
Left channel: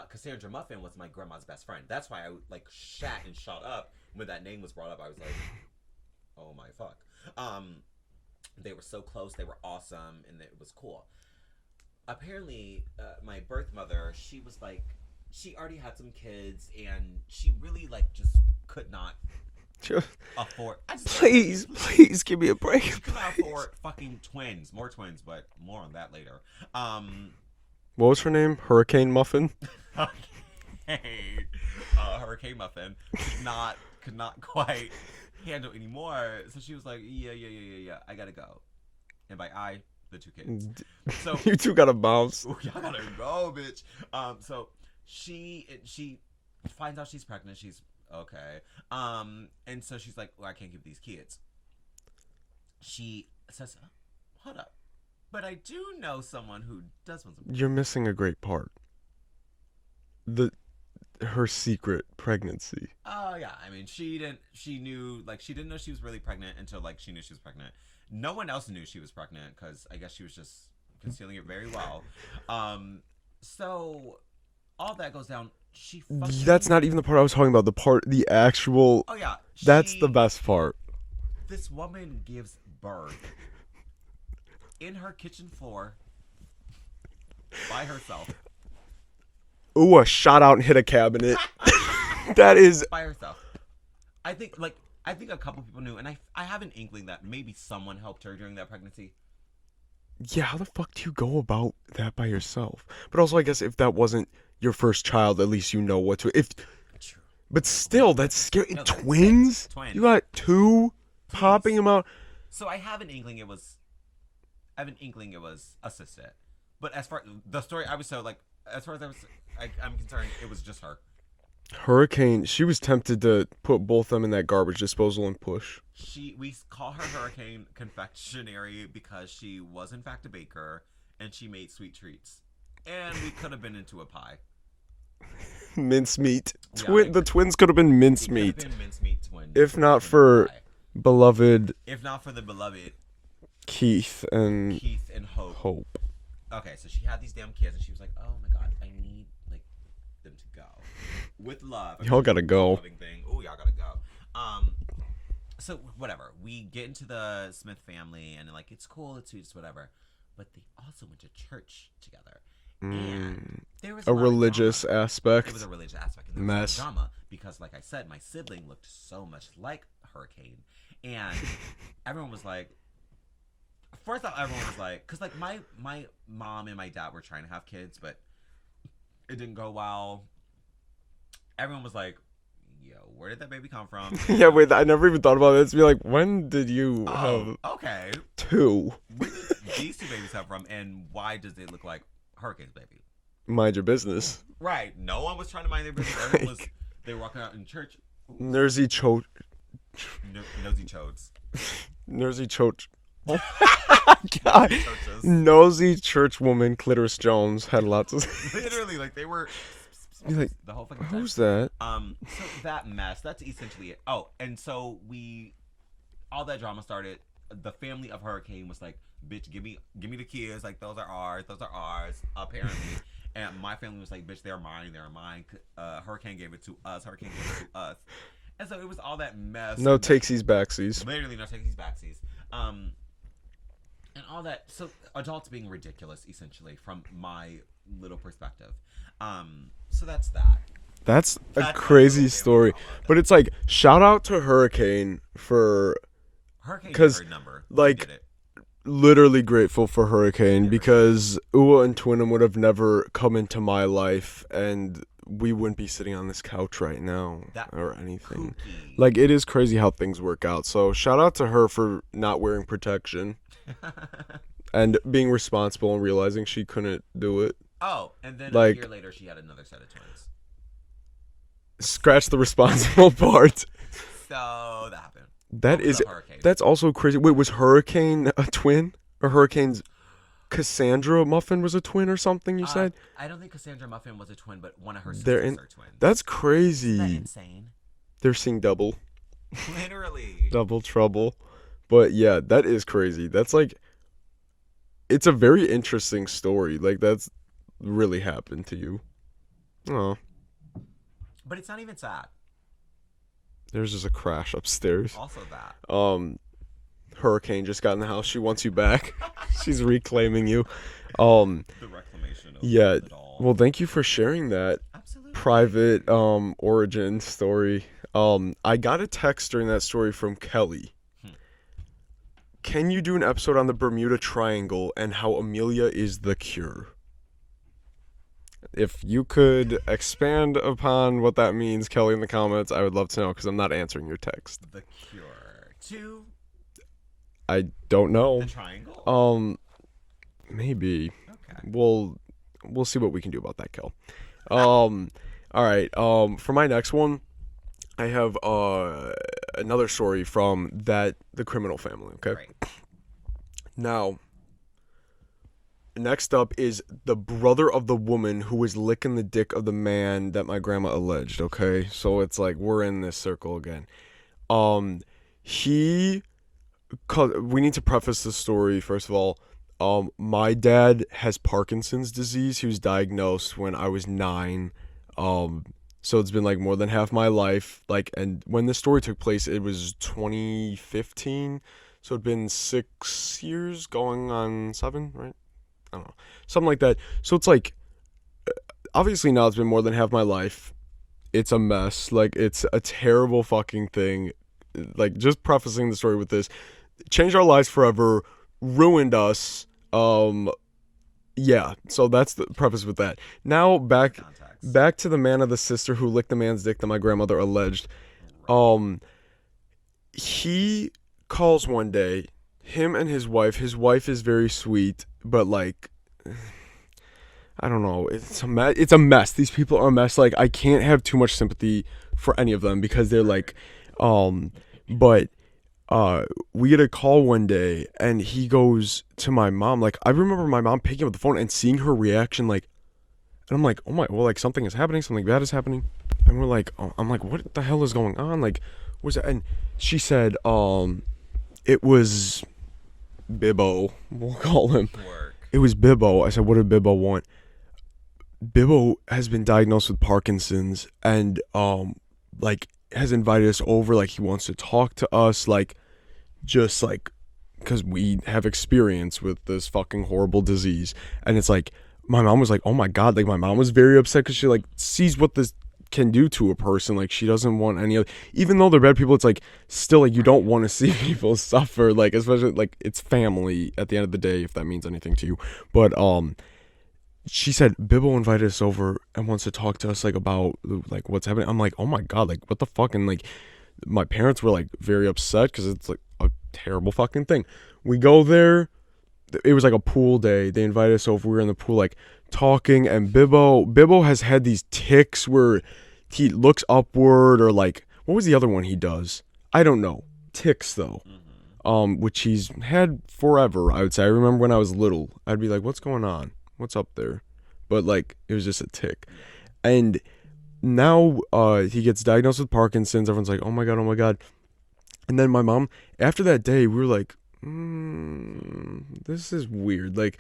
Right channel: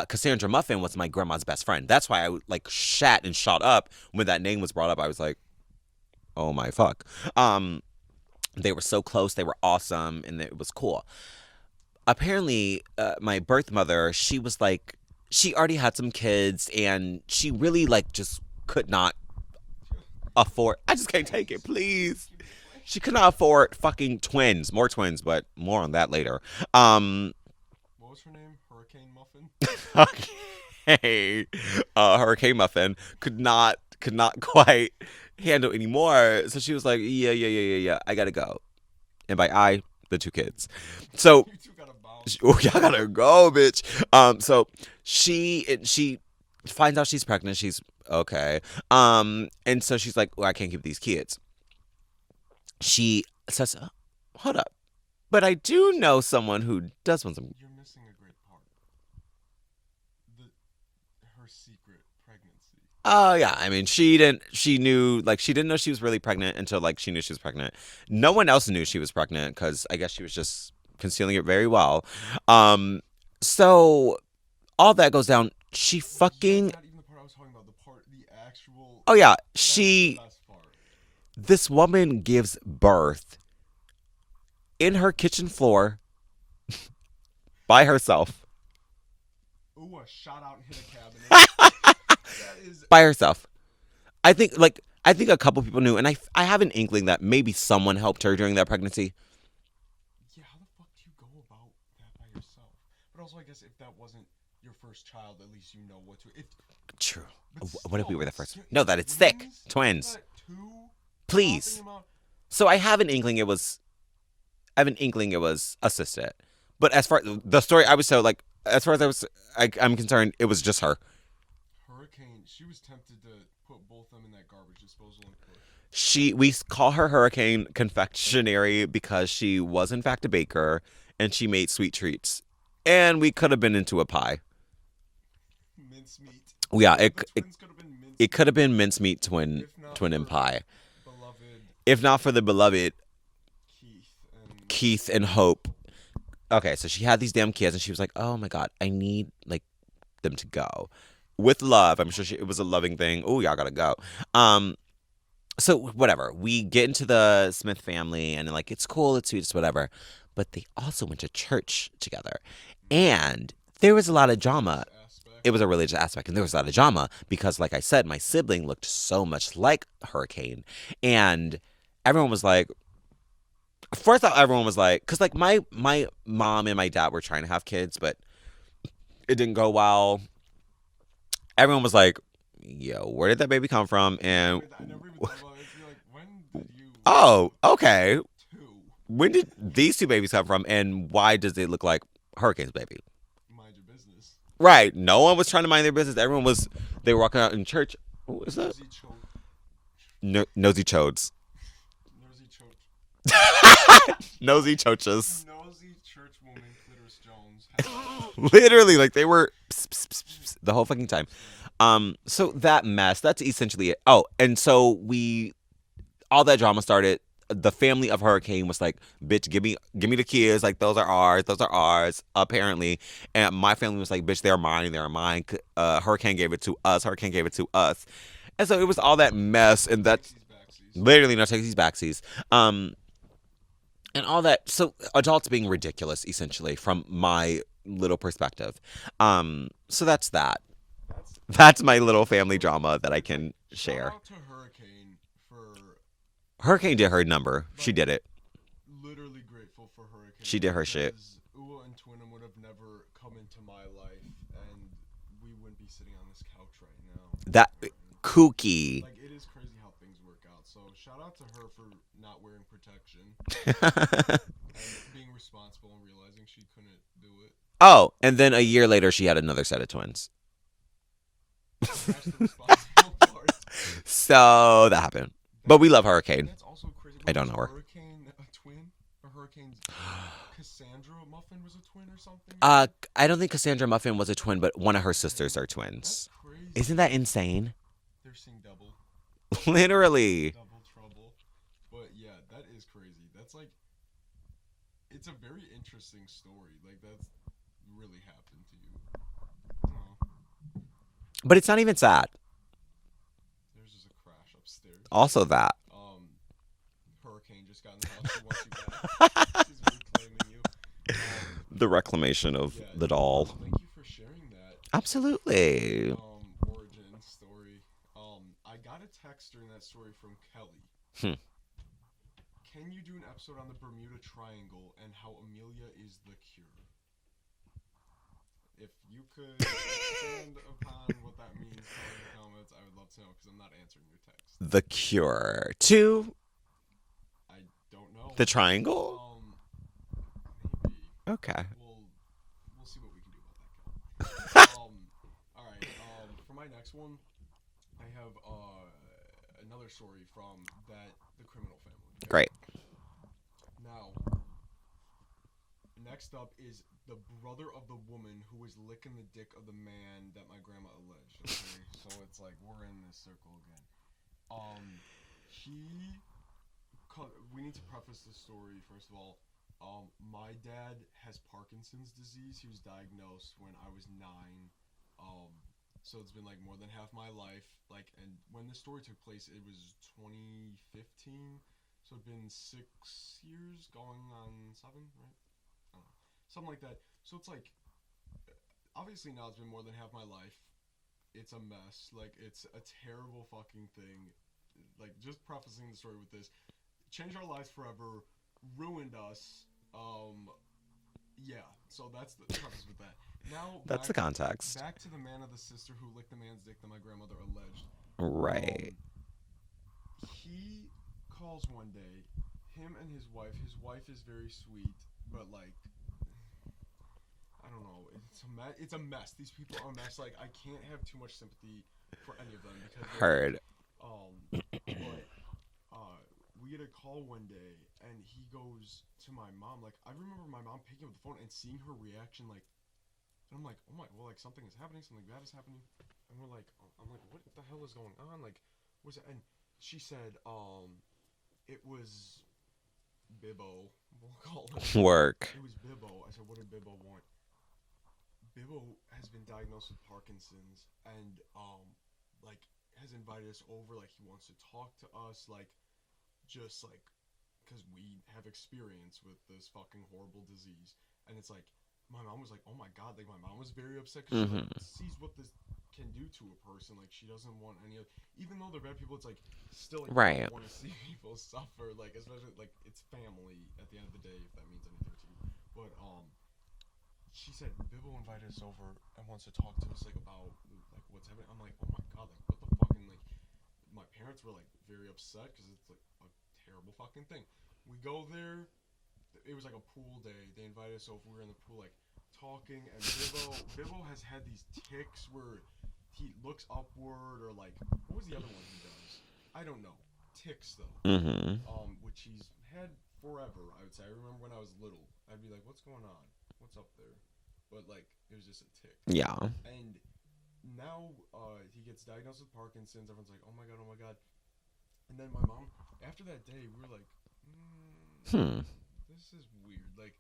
Cassandra Muffin was my grandma's best friend. That's why I like shat and shot up when that name was brought up. I was like, oh my fuck. They were so close. They were awesome, and it was cool. Apparently, my birth mother, she was like, she already had some kids, and she really like just could not afford. I just can't take it. Please give me a break. She could not afford fucking more twins, but more on that later. What was her name? Hurricane Muffin. Okay, Hurricane Muffin could not quite handle anymore. So she was like, yeah, I gotta go. And by I, the two kids. So you two gotta bounce. Oh, y'all gotta go, bitch. So she finds out she's pregnant. She's okay. And so she's like, well, I can't keep these kids. She says, hold up. But I do know someone who does want some. You're missing a great part. Her secret pregnancy. Oh yeah, I mean, she didn't know she was really pregnant until like she knew she was pregnant. No one else knew she was pregnant because I guess she was just concealing it very well. So all that goes down. She fucking. That's not even the part I was talking about. The actual. Oh yeah, that's the best part. This woman gives birth in her kitchen floor by herself. Ooh, a shot out and hit a cabinet. That is by herself. I think a couple people knew, and I have an inkling that maybe someone helped her during that pregnancy. Yeah, how the fuck do you go about that by yourself? But also, I guess if that wasn't your first child, at least you know what to. True. But still, that's scary. No, that twins? It's sick. Twins. You got two. Please. Popping them out. So I have an inkling it was assisted. But as far the story, I was so like, as far as I'm concerned, it was just her. Hurricane, she was tempted to put both of them in that garbage disposal and push. We call her Hurricane Confectionery because she was in fact a baker, and she made sweet treats. And we could have been into a pie. Mincemeat. Yeah, the twins could have been mincemeat. It could have been mincemeat twin. If not twin for pie. beloved. If not for the beloved Keith and Hope. Okay, so she had these damn kids, and she was like, "Oh my God, I need like them to go with love." I'm y'all sure gotta it was go. a loving thing. Oh, y'all gotta go. So whatever. We get into the Smith family, and like it's cool, it's sweet, it's whatever. But they also went to church together, and there was a lot of drama. Religious aspect. It was a religious aspect, and there was a lot of drama because, like I said, my sibling looked so much like Hurricane, and everyone was like. First off, everyone was like, because like my mom and my dad were trying to have kids, but it didn't go well. Everyone was like, yo, where did that baby come from? And yeah, wait, I never even thought about it. To be like, when did you? Oh, okay. Two. When did these two babies come from, and why does it look like Hurricane's baby? Mind your business. Right. No one was trying to mind their business. Everyone was. They were walking out in church. Nosy chodes. Nosy chodes. Nosy choch. Nosy choches. Nosy church woman Clitoris Jones had lots of literally like they were the whole fucking time. Who's that? So that mess, that's essentially it. Oh, and so all that drama started. The family of Hurricane was like, bitch, give me the kids, like those are ours, apparently. And my family was like, bitch, they're mine. Hurricane gave it to us. And so it was all that mess. No takesies backsies. Literally no takesies backsies. And all that. So adults being ridiculous, essentially, from my little perspective. So that's that. That's my little family drama. But it's like, shout out to Hurricane for... Hurricane did her number. She did it. Literally grateful for Hurricane because Ua and Twinham would have never come into my life, and we wouldn't be sitting on this couch right now. Or anything. Kooky. Like, it is crazy how things work out. So shout out to her for not wearing protection and being responsible and realizing she couldn't do it. Oh, and then a year later, she had another set of twins. Scratch the responsible part. So that happened. But we love Hurricane. That's also crazy. Wait, was Hurricane a twin? Or Hurricane's Cassandra Muffin was a twin or something, you said? I don't think Cassandra Muffin was a twin, but one of her sisters are twins. That's crazy. Isn't that insane? They're seeing double. Literally. Double trouble. But yeah, that is crazy. That's like... It's a very interesting story. Like, that's really happened to you. Oh. But it's not even sad. There's just a crash upstairs. Also that. Hurricane just got in the house. She wants you back. She's reclaiming you. The reclamation of the doll. Well, thank you for sharing that. Absolutely. Private origin story. I got a text during that story from Kelly. Can you do an episode on the Bermuda Triangle and how Amelia is the cure? If you could expand upon what that means, Kelly, in the comments, I would love to know because I'm not answering your text. The cure to? I don't know. The triangle? Maybe. Okay. We'll see what we can do about that, Kel. All right. For my next one, I have another story from the criminal family. Okay. Great. Now, next up is the brother of the woman who was licking the dick of the man that my grandma alleged, okay? So it's like we're in this circle again. We need to preface this story, first of all. My dad has Parkinson's disease. He was diagnosed when I was 9. So it's been like more than half my life. Like, and when this story took place, it was 2015. So it'd been 6 years going on 7, right? I don't know, something like that. So it's like, obviously now it's been more than half my life. It's a mess. Like, it's a terrible fucking thing. Like, just prefacing the story with this, changed our lives forever, ruined us. Yeah, so that's the preface with that. Now back to the man of the sister who licked the man's dick that my grandmother alleged. Right. He calls one day, him and his wife. His wife is very sweet, but like, I don't know. It's a mess. These people are a mess. Like, I can't have too much sympathy for any of them because they're like, but we get a call one day and he goes to my mom. Like, I remember my mom picking up the phone and seeing her reaction, like, and I'm like, oh my, well, like, something is happening, something bad is happening. And we're like, I'm like, what the hell is going on? Like, what's that? And she said, it was Bibbo, we'll call him. Work. It was Bibbo. I said, what did Bibbo want? Bibbo has been diagnosed with Parkinson's and, like, has invited us over. Like, he wants to talk to us, like, just like, because we have experience with this fucking horrible disease. And it's like, my mom was like, oh my God, like, my mom was very upset because she like sees what this can do to a person. Like, she doesn't want any other, even though they're bad people, it's like still like you don't want to see people suffer, like, especially like it's family at the end of the day, if that means anything to you. But she said Bibbo invited us over and wants to talk to us, like, about like what's happening. I'm like, oh my God, like, what the fuck? And like, my parents were like very upset because it's like a terrible fucking thing. We go there. It was like a pool day. They invited us over. We were in the pool, like, talking, and Bibbo has had these tics where he looks upward, or like, what was the other one he does? I don't know. Tics though. Which he's had forever, I would say. I remember when I was little, I'd be like, what's going on? What's up there? But like, it was just a tic. Yeah. And now he gets diagnosed with Parkinson's. Everyone's like, oh my God. And then my mom, after that day, we were like, this is weird. Like,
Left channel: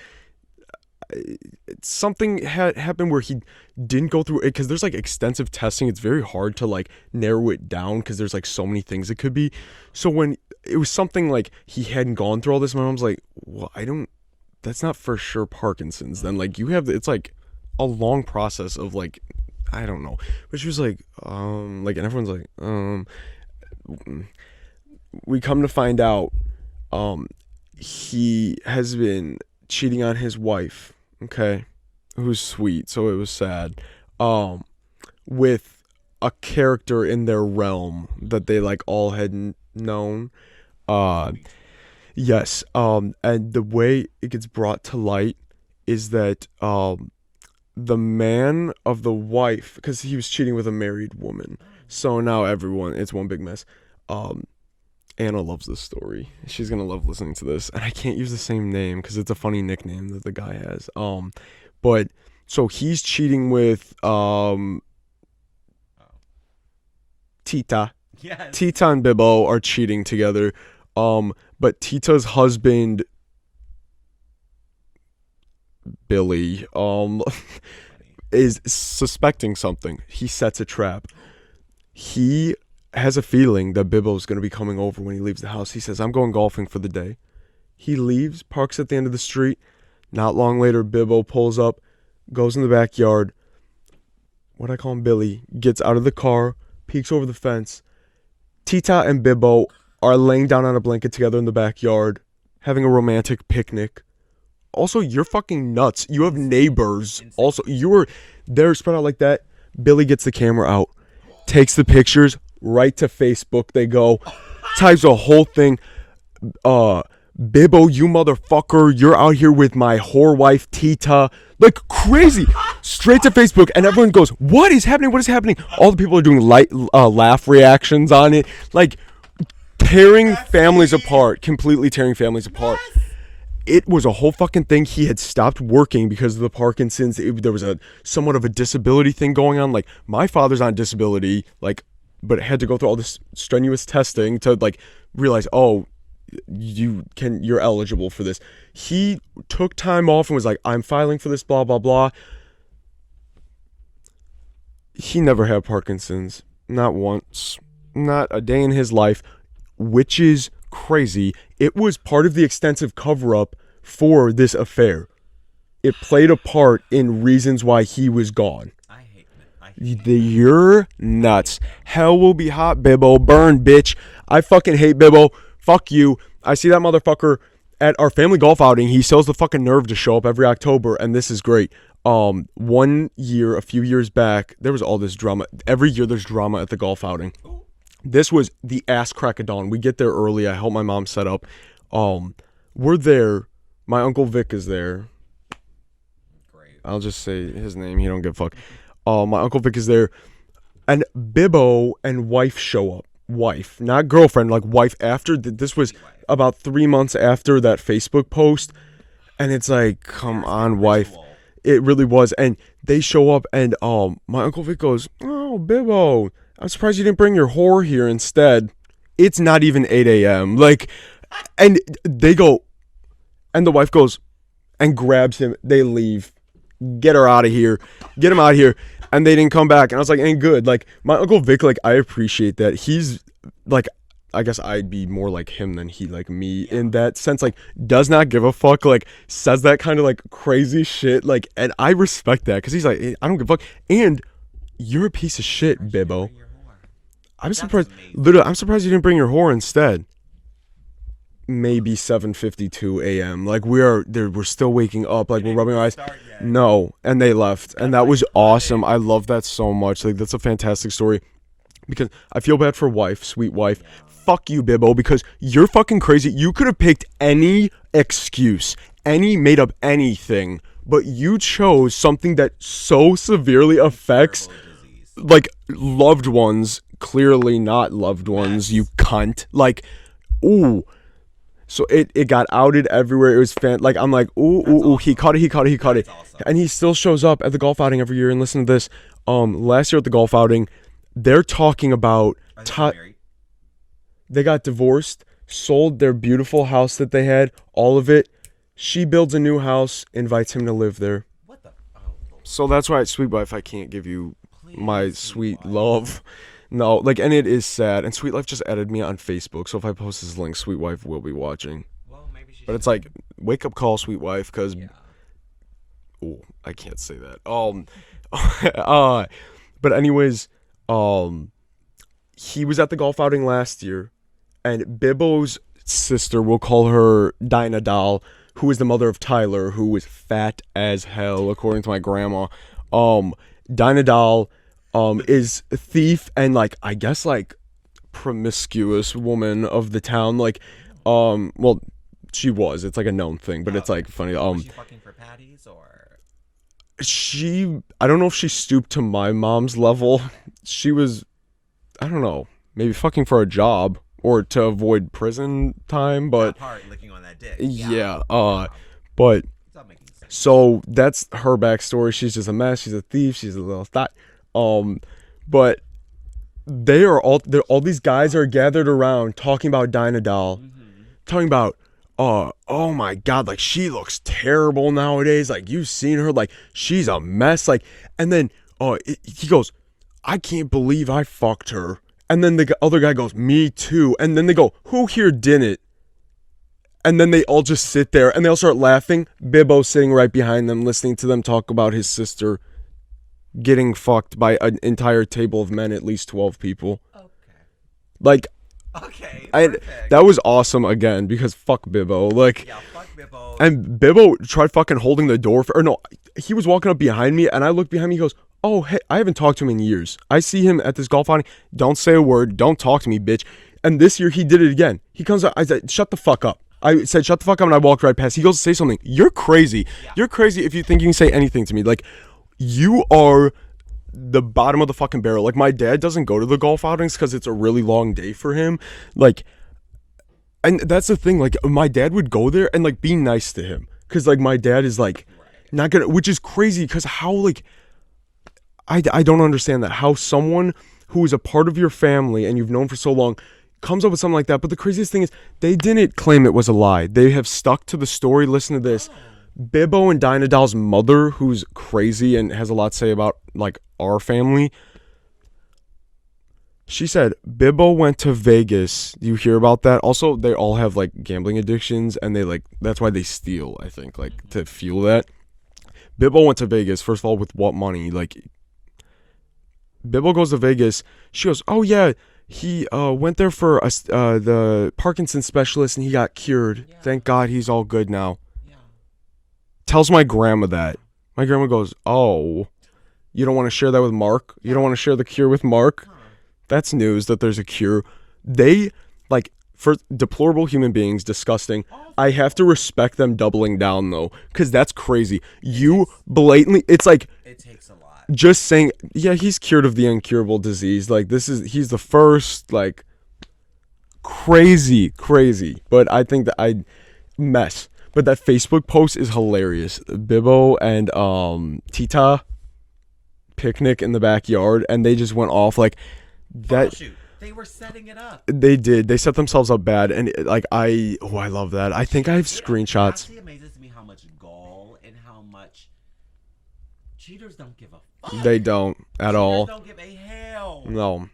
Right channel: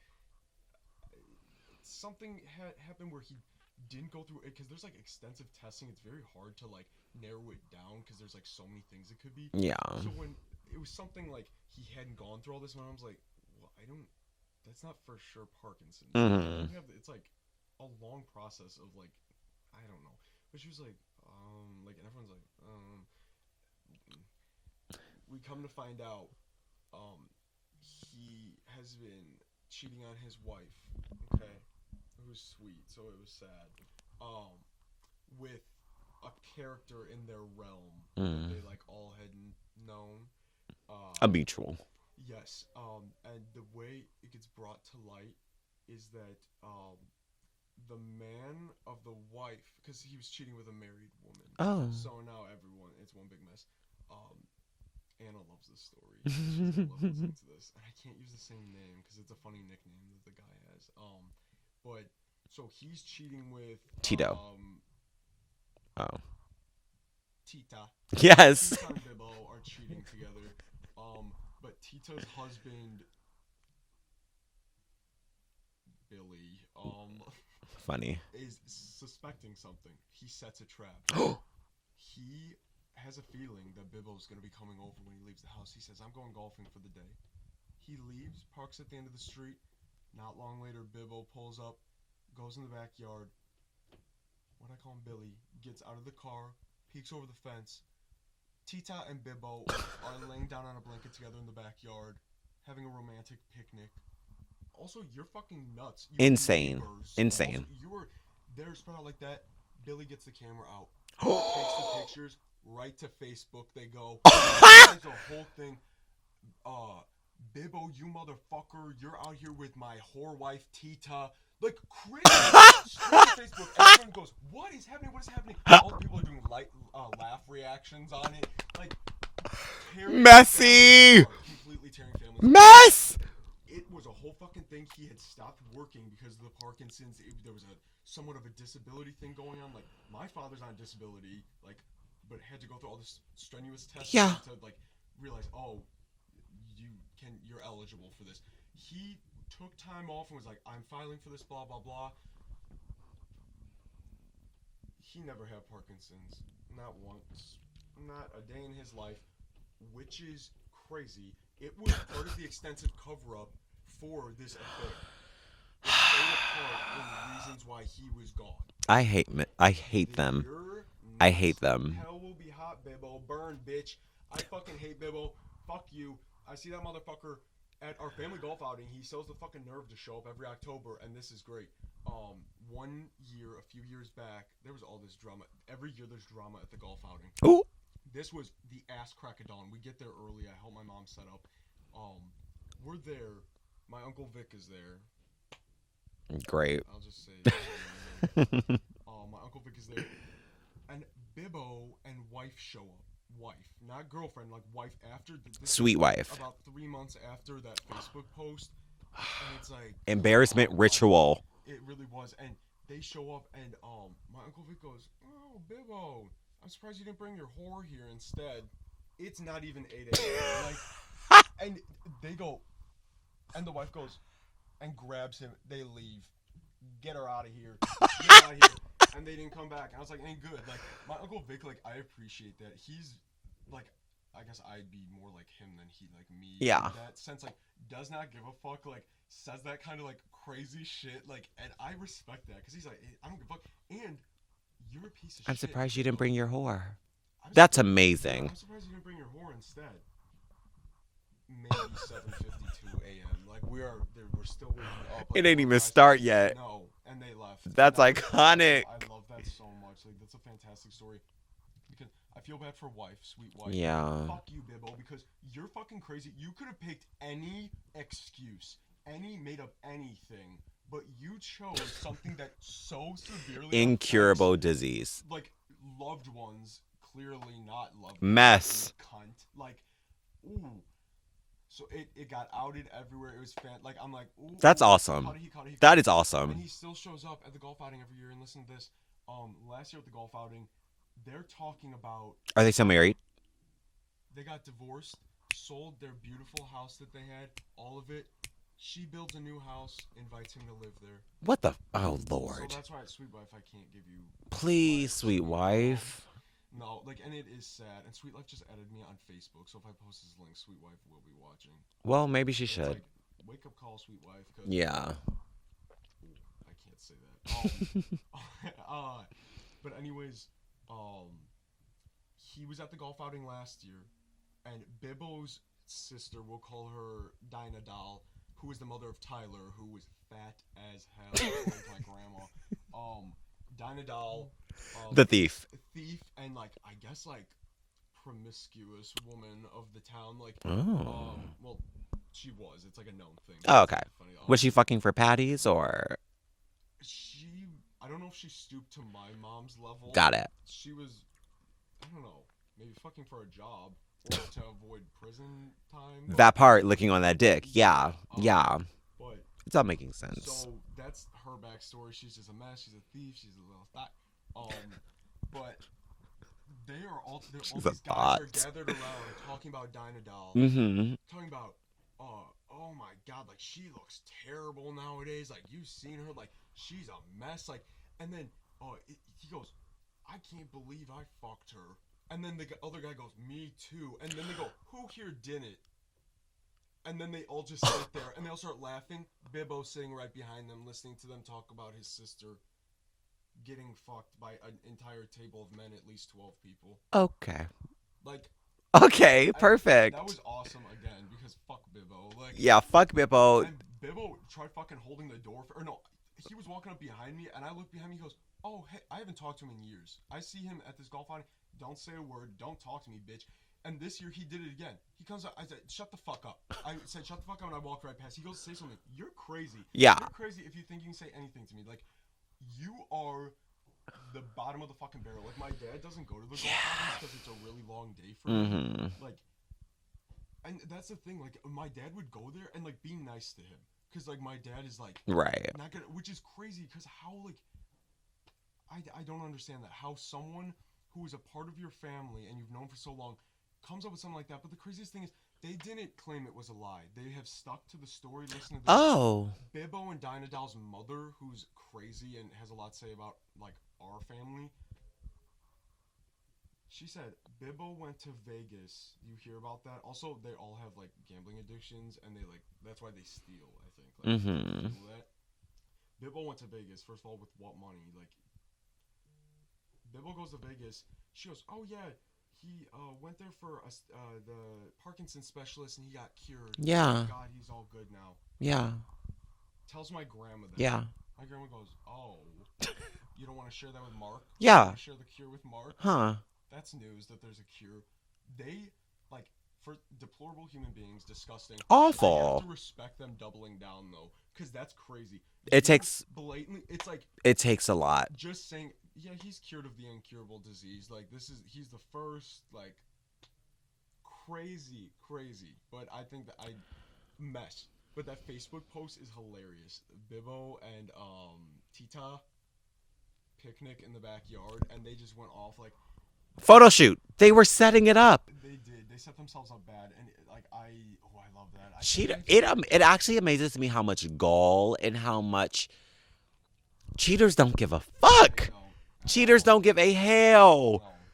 something had happened where he didn't go through it, because there's like extensive testing. It's very hard to like narrow it down because there's like so many things it could be. Yeah. So when it was something like he hadn't gone through all this, my mom's like, well, that's not for sure Parkinson's. Then like, you have, it's like a long process of like I don't know. But she was like, and everyone's like, we come to find out, he has been cheating on his wife, okay, who's sweet, so it was sad, with a character in their realm that they like all had known. A mutual. Yes. And the way it gets brought to light is that the man of the wife, because he was cheating with a married woman. Oh. So now it's one big mess. Anna loves this story. She's gonna love listening to this, and I can't use the same name because it's a funny nickname that the guy has. But so he's cheating with Tita. Yes. Tita and Bibbo are cheating together. But Tita's husband, Billy, funny, is suspecting something. He sets a trap. He has a feeling that Bibbo's going to be coming over when he leaves the house. He says, I'm going golfing for the day. He leaves, parks at the end of the street. Not long later, Bibbo pulls up, goes in the backyard. What I call him, Billy, gets out of the car, peeks over the fence. Tita and Bibbo are laying down on a blanket together in the backyard, having a romantic picnic. Also, you're fucking nuts. You have neighbors. Insane. Also, they're spread out like that. Billy gets the camera out, takes the pictures, right to Facebook they go, types a whole thing. Bibbo, you motherfucker, you're out here with my whore wife, Tita. Like crazy. Straight to Facebook, and everyone goes, what is happening? What is happening? All the people are doing laugh reactions on it. Like, tearing families apart. Completely tearing families apart. It was a whole fucking thing. He had stopped working because of the Parkinson's. There was somewhat of a disability thing going on. Like, my father's on disability, like, but had to go through all this strenuous testing to, like, realize, oh, you're eligible for this. He took time off and was like, I'm filing for this, blah, blah, blah. He never had Parkinson's. Not once. Not a day in his life. Which is crazy. It was part of the extensive cover-up for this affair. It played a part in reasons why he was gone. I hate them. You're nuts. I hate them. Hell will be hot, Bibbo. Burn, bitch. I fucking hate Bibbo. Fuck you. I see that motherfucker at our family golf outing. He still has the fucking nerve to show up every October, and this is great. 1 year, a few years back, there was all this drama. Every year there's drama at the golf outing. Ooh. This was the ass crack of dawn. We get there early. I help my mom set up. We're there. My Uncle Vic is there. Great. I'll just say his name. He don't give a fuck. My Uncle Vic is there. And Bibbo and wife show up. Wife, not girlfriend, like wife after. This Sweet was wife. About 3 months after that Facebook post. And it's like, embarrassment come on, ritual. Wife. It really was. And they show up and my Uncle Vic goes, oh, Bibbo, I'm surprised you didn't bring your whore here instead. It's not even 8 a.m. Like, and they go, and the wife goes and grabs him. They leave. Get her out of here. Get him out of here. And they didn't come back. And I was like, ain't good. Like, my Uncle Vic, like, I appreciate that. He's, like, I guess I'd be more like him than he like me in that sense. Like, does not give a fuck. Like, says that kind of, like, crazy shit. Like, and I respect that because he's like, I don't give a fuck. And you're a piece of shit, Bibbo. You didn't bring your whore. That's amazing. Literally, I'm surprised you didn't bring your whore instead. Maybe 7:52 a.m. Like we're still waking up. Like it ain't rubbing even our eyes. Start yet. No, and they left, and that was iconic. awesome. I love that so much. Like that's a fantastic story. Because I feel bad for wife, sweet wife. Yeah. Fuck you, Bibbo, because you're fucking crazy. You could have picked any excuse, made up anything, but you chose something that so severely affects incurable disease. Like loved ones, clearly not loved ones. You cunt. Like, ooh. So it got outed everywhere. It was like I'm like, ooh, that's ooh, awesome. he caught it. That is awesome. And he still shows up at the golf outing every year. And listen to this. Last year at the golf outing, they're talking about. Are they still married? They got divorced, sold their beautiful house that they had, all of it. She builds a new house, invites him to live there. What the? Oh Lord. So that's why, sweet wife, I can't give you my sweet wife. love. No, like, and it is sad. And Sweet Life just added me on Facebook, so if I post this link, Sweet Wife will be watching. Well, maybe she should. But it's like, wake up call, Sweet Wife, because... Yeah. Oh, I can't say that. But anyways, he was at the golf outing last year, and Bibbo's sister, we'll call her Dinah Doll, who is the mother of Tyler, who is fat as hell, according to my grandma. Dinah Doll is a thief and, like, I guess, like, promiscuous woman of the town. Like, well, she was. It's, like, a known thing, but it's, like, funny. Was she fucking for patties, or? I don't know if she stooped to my mom's level. Got it. She was, I don't know, maybe fucking for a job. Or to avoid prison time, but that part, licking on that dick. Yeah. But it's not making sense. So that's her backstory. She's just a mess. She's a thief. She's a little thought. But all these guys are gathered around talking about Dinah Doll, talking about, oh my God, like she looks terrible nowadays. Like you've seen her, like she's a mess. Like, and then he goes, I can't believe I fucked her. And then the other guy goes, me too. And then they go, who here didn't? And then they all just sit there and they all start laughing. Bibbo sitting right behind them, listening to them talk about his sister getting fucked by an entire table of men, at least 12 people. Okay. Like, okay, perfect. That was awesome again because fuck Bibbo. Like, yeah, fuck Bibbo. And Bibbo tried fucking holding the door he was walking up behind me and I looked behind me. He goes, oh, hey, I haven't talked to him in years. I see him at this golf outing. Don't say a word. Don't talk to me, bitch. And this year he did it again. He comes up. I said, shut the fuck up. I said, shut the fuck up. And I walked right past. He goes to say something. You're crazy. Yeah. You're crazy if you think you can say anything to me. Like, you are the bottom of the fucking barrel. Like, my dad doesn't go to the golf outings because it's a really long day for him. Like, and that's the thing. Like, my dad would go there and, like, be nice to him. Because, like, my dad is, like, not gonna, which is crazy because how, like, I don't understand that. How someone who is a part of your family and you've known for so long comes up with something like that. But the craziest thing is they didn't claim it was a lie. They have stuck to the story. Listen to this. Bibbo and Dinah Doll's mother, who's crazy and has a lot to say about, like, our family. She said, Bibbo went to Vegas. Do you hear about that? Also, they all have, like, gambling addictions and they, like, that's why they steal, I think, like, to fuel that. Bibbo went to Vegas, first of all, with what money? Like, Bibbo goes to Vegas. She goes, oh, yeah, he went there for the Parkinson's specialist and he got cured. Yeah. Thank God he's all good now. Yeah. Tells my grandma that. Yeah. My grandma goes, oh, you don't want to share that with Mark? Yeah. You don't want to share the cure with Mark? Huh. That's news that there's a cure. They, like, for deplorable human beings, disgusting. Awful. I have to respect them doubling down, though, because that's crazy. Blatantly, it's like... It takes a lot. Just saying, yeah, he's cured of the incurable disease. Like, he's the first, like, crazy. But I think that mess. But that Facebook post is hilarious. Bibbo and Tita picnic in the backyard, and they just went off, like... Photo shoot. They were setting it up. They did. They set themselves up bad, and I love that. I think I have screenshots. It actually amazes me how much gall and how much cheaters don't give a fuck. They don't at all. Cheaters don't give a hell. No,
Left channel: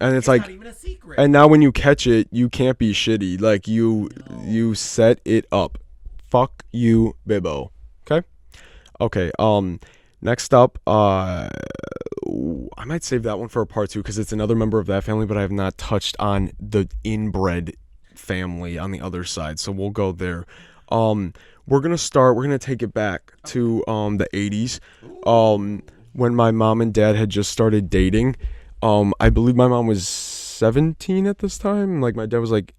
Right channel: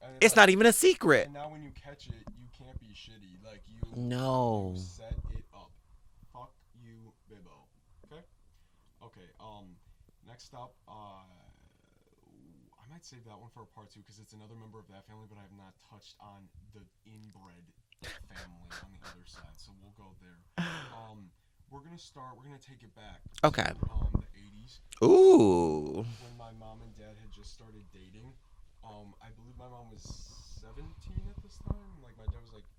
and it's like, not even a secret. And now when you catch it, you can't be shitty. Like you set it up. Fuck you, Bibbo. Okay. Next up, I might save that one for a part 2 because it's another member of that family, but I have not touched on the inbred family on the other side, so we'll go there. We're gonna take it back to the 80s. Ooh. When my mom and dad had just started dating. I believe my mom was 17 at this time. Like my dad was like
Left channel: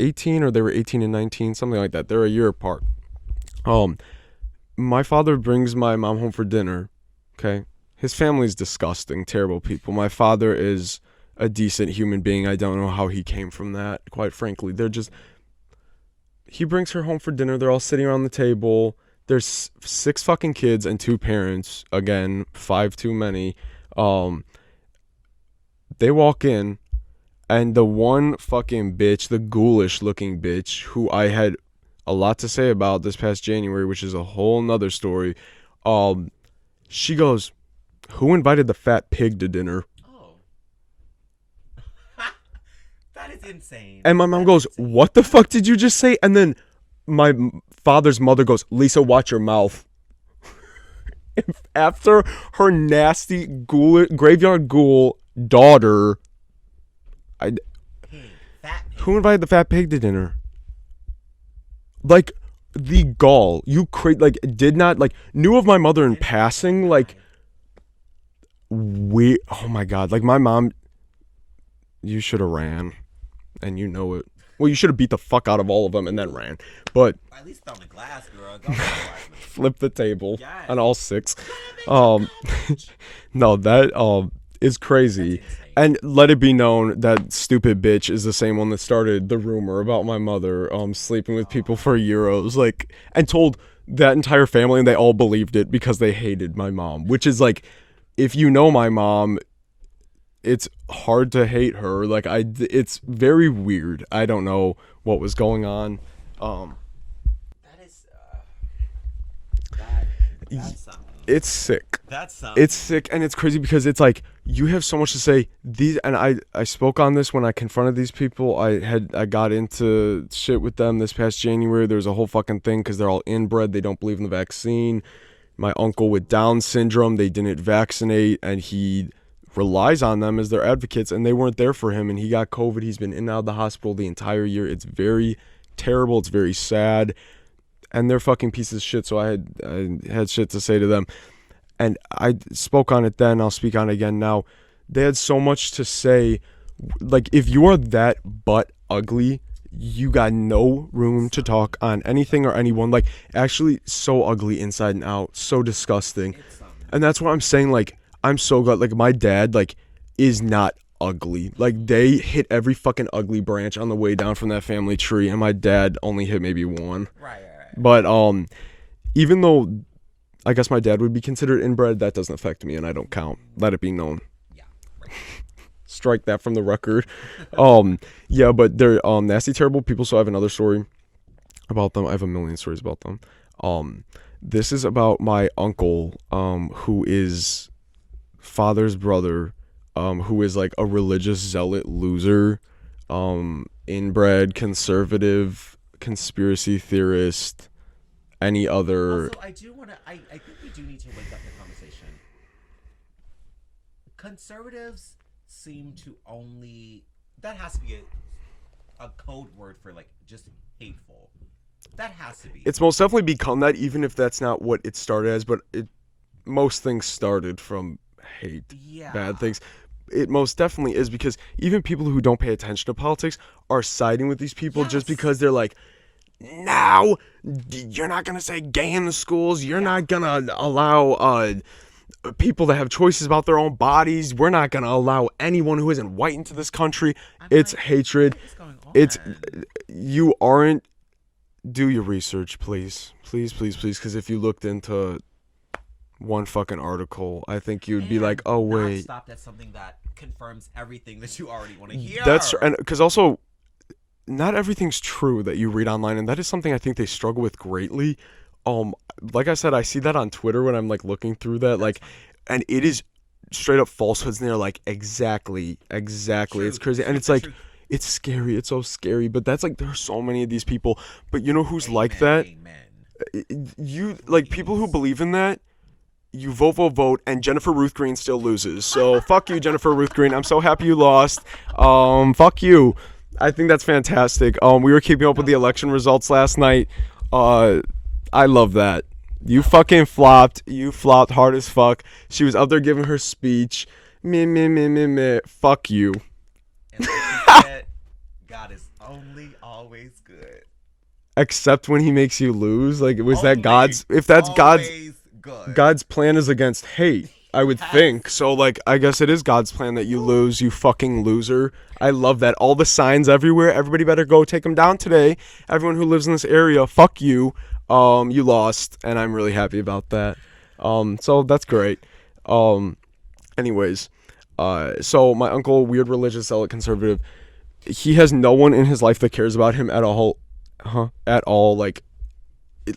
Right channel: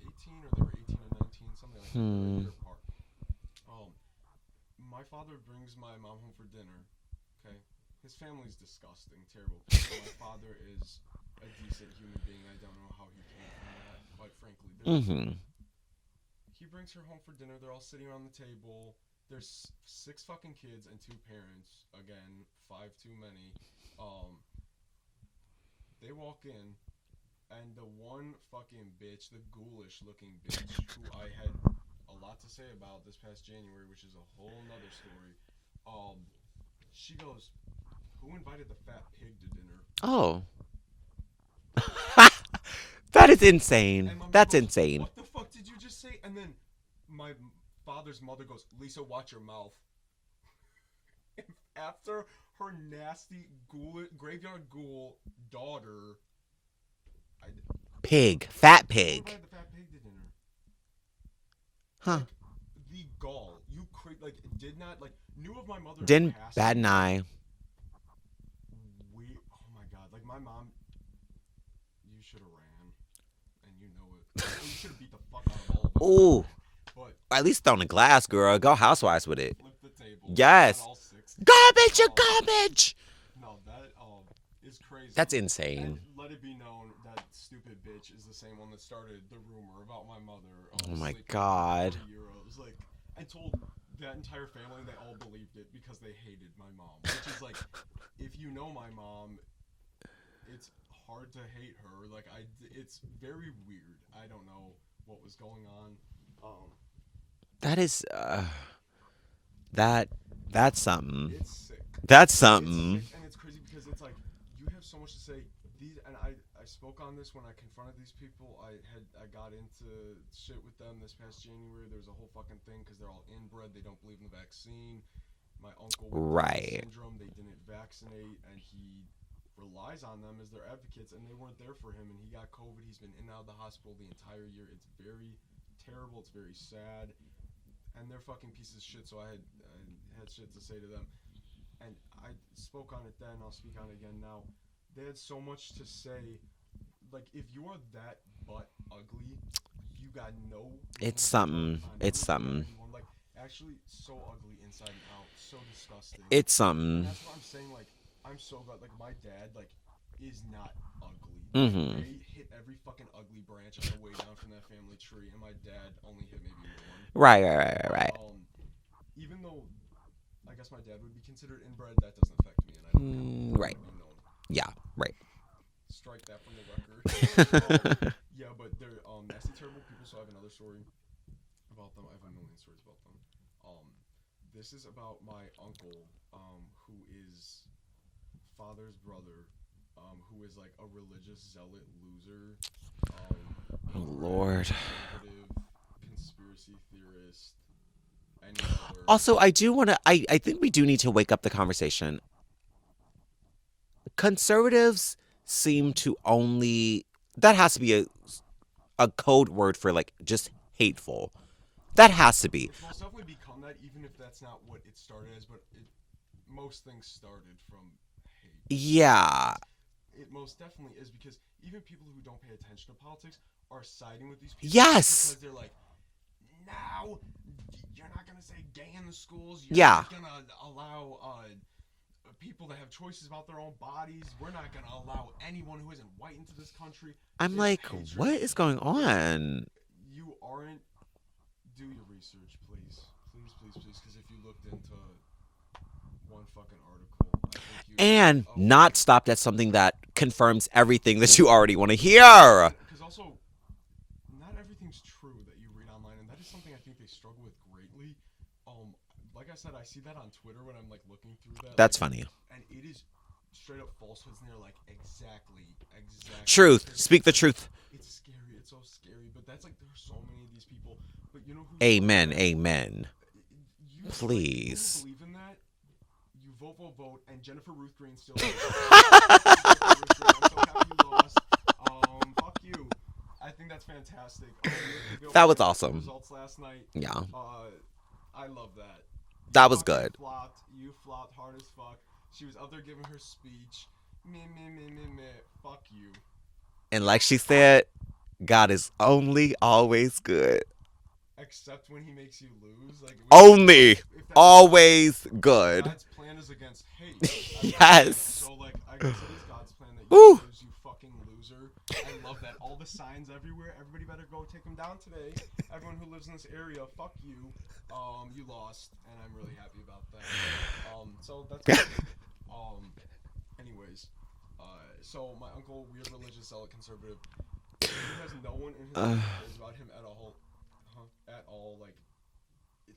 18, or they were 18 and 19, something like that. They're a year apart. My father brings my mom home for dinner. Okay. His family's disgusting, terrible people. My father is a decent human being. I don't know how he came from that, quite frankly. They're just... He brings her home for dinner. They're all sitting around the table. There's 6 fucking kids and 2 parents. Again, 5 too many. They walk in, and the one fucking bitch, the ghoulish looking bitch, who I had a lot to say about this past January, which is a whole nother story, she goes... Who invited the fat pig to dinner? Oh. That is insane. And my mom goes, insane. What the fuck did you just say? And then my father's mother goes, Lisa, watch your mouth. after her nasty graveyard ghoul daughter. Fat pig. Who invited the fat pig to dinner? Like the gall, did not knew of my mother in passing. Oh my god, like my mom. You should have ran, and you know it. Well, you should have beat the fuck out of all of them and then ran. But at least thrown a glass, girl. Go housewives with it. Flip the table. Yes. On all 6. Garbage. No, that is crazy. That's insane. And let it be known that stupid bitch is the same one that started the rumor about my mother sleeping with people for euros, and told that entire family, and they all believed it because they hated my mom. Which is if you know my mom, it's hard to hate her. It's very weird. I don't know what was going on. That is that's something. It's sick. That's something. It's sick, and it's crazy because it's you have so much to say. I spoke on this when I confronted these people. I got into shit with them this past January. There was a whole fucking thing because they're all inbred. They don't believe in the vaccine. My uncle with Down syndrome, they didn't vaccinate, and he relies on them as their advocates, and they weren't there for him, and he got COVID. He's been in and out of the hospital the entire year. It's very terrible. It's very sad, and they're fucking pieces of shit. So I had shit to say to them, and I spoke on it then. I'll speak on it again now. They had so much to say. If you are that butt ugly, you got no room to talk on anything or anyone. Actually, so ugly inside and out, so disgusting. It's something. And that's why I'm saying I'm so glad my dad is not ugly. They hit every fucking ugly branch on the way down from that family tree, and my dad only hit maybe one. Right. But even though I guess my dad would be considered inbred, that doesn't affect me, and I don't count. Let it be known. Yeah, right. Strike that from the record. Yeah, but they're nasty, terrible people. So I have another story about them. I have a million stories about them. This is about my uncle, who is father's brother, who is a religious zealot loser, inbred, conservative, conspiracy theorist, any other. Also, I think we do need to wake up the conversation. Conservatives seem to that has to be a code word for just hateful. That has to be. It's most definitely become that, even if that's not what it started as, but most things started from hate. Yeah. Bad things. It most definitely is, because even people who don't pay attention to politics are siding with these people just because they're now you're not going to say gay in the schools. You're not going to allow people to have choices about their own bodies. We're not going to allow anyone who isn't white into this country. It's hatred. What is going on? You aren't. Do your research, please. Please, because if you looked into one fucking article, I think you'd be not stopped at something that confirms everything that you already want to hear. And because also, not everything's true that you read online, and that is something I think they struggle with greatly. Like I said, I see that on Twitter when I'm looking through that. That's funny. And it is straight up falsehoods, and they're exactly. Truth. It's crazy. Speak the truth. It's scary. It's so scary. But that's there's so many of these people. But you know who's like that? Amen. You people who believe in that. You vote, and Jennifer Ruth Green still loses. So fuck you, Jennifer Ruth Green. I'm so happy you lost. Fuck you. I think that's fantastic. We were keeping up with the election results last night. Yeah. I love that. You fucking flopped. You flopped hard as fuck. She was up there giving her speech. Me. Fuck you. And like she said, God is only always good. Except when he makes you lose. Always good. God's plan is against hate, I would think. So I guess it is God's plan that you lose, you fucking loser. I love that. All the signs everywhere. Everybody better go take them down today. Everyone who lives in this area, fuck you. You lost, and I'm really happy about that. So that's great. Anyways, so my uncle, weird religious zealot conservative, he has no one in his life that cares about him at all. At all.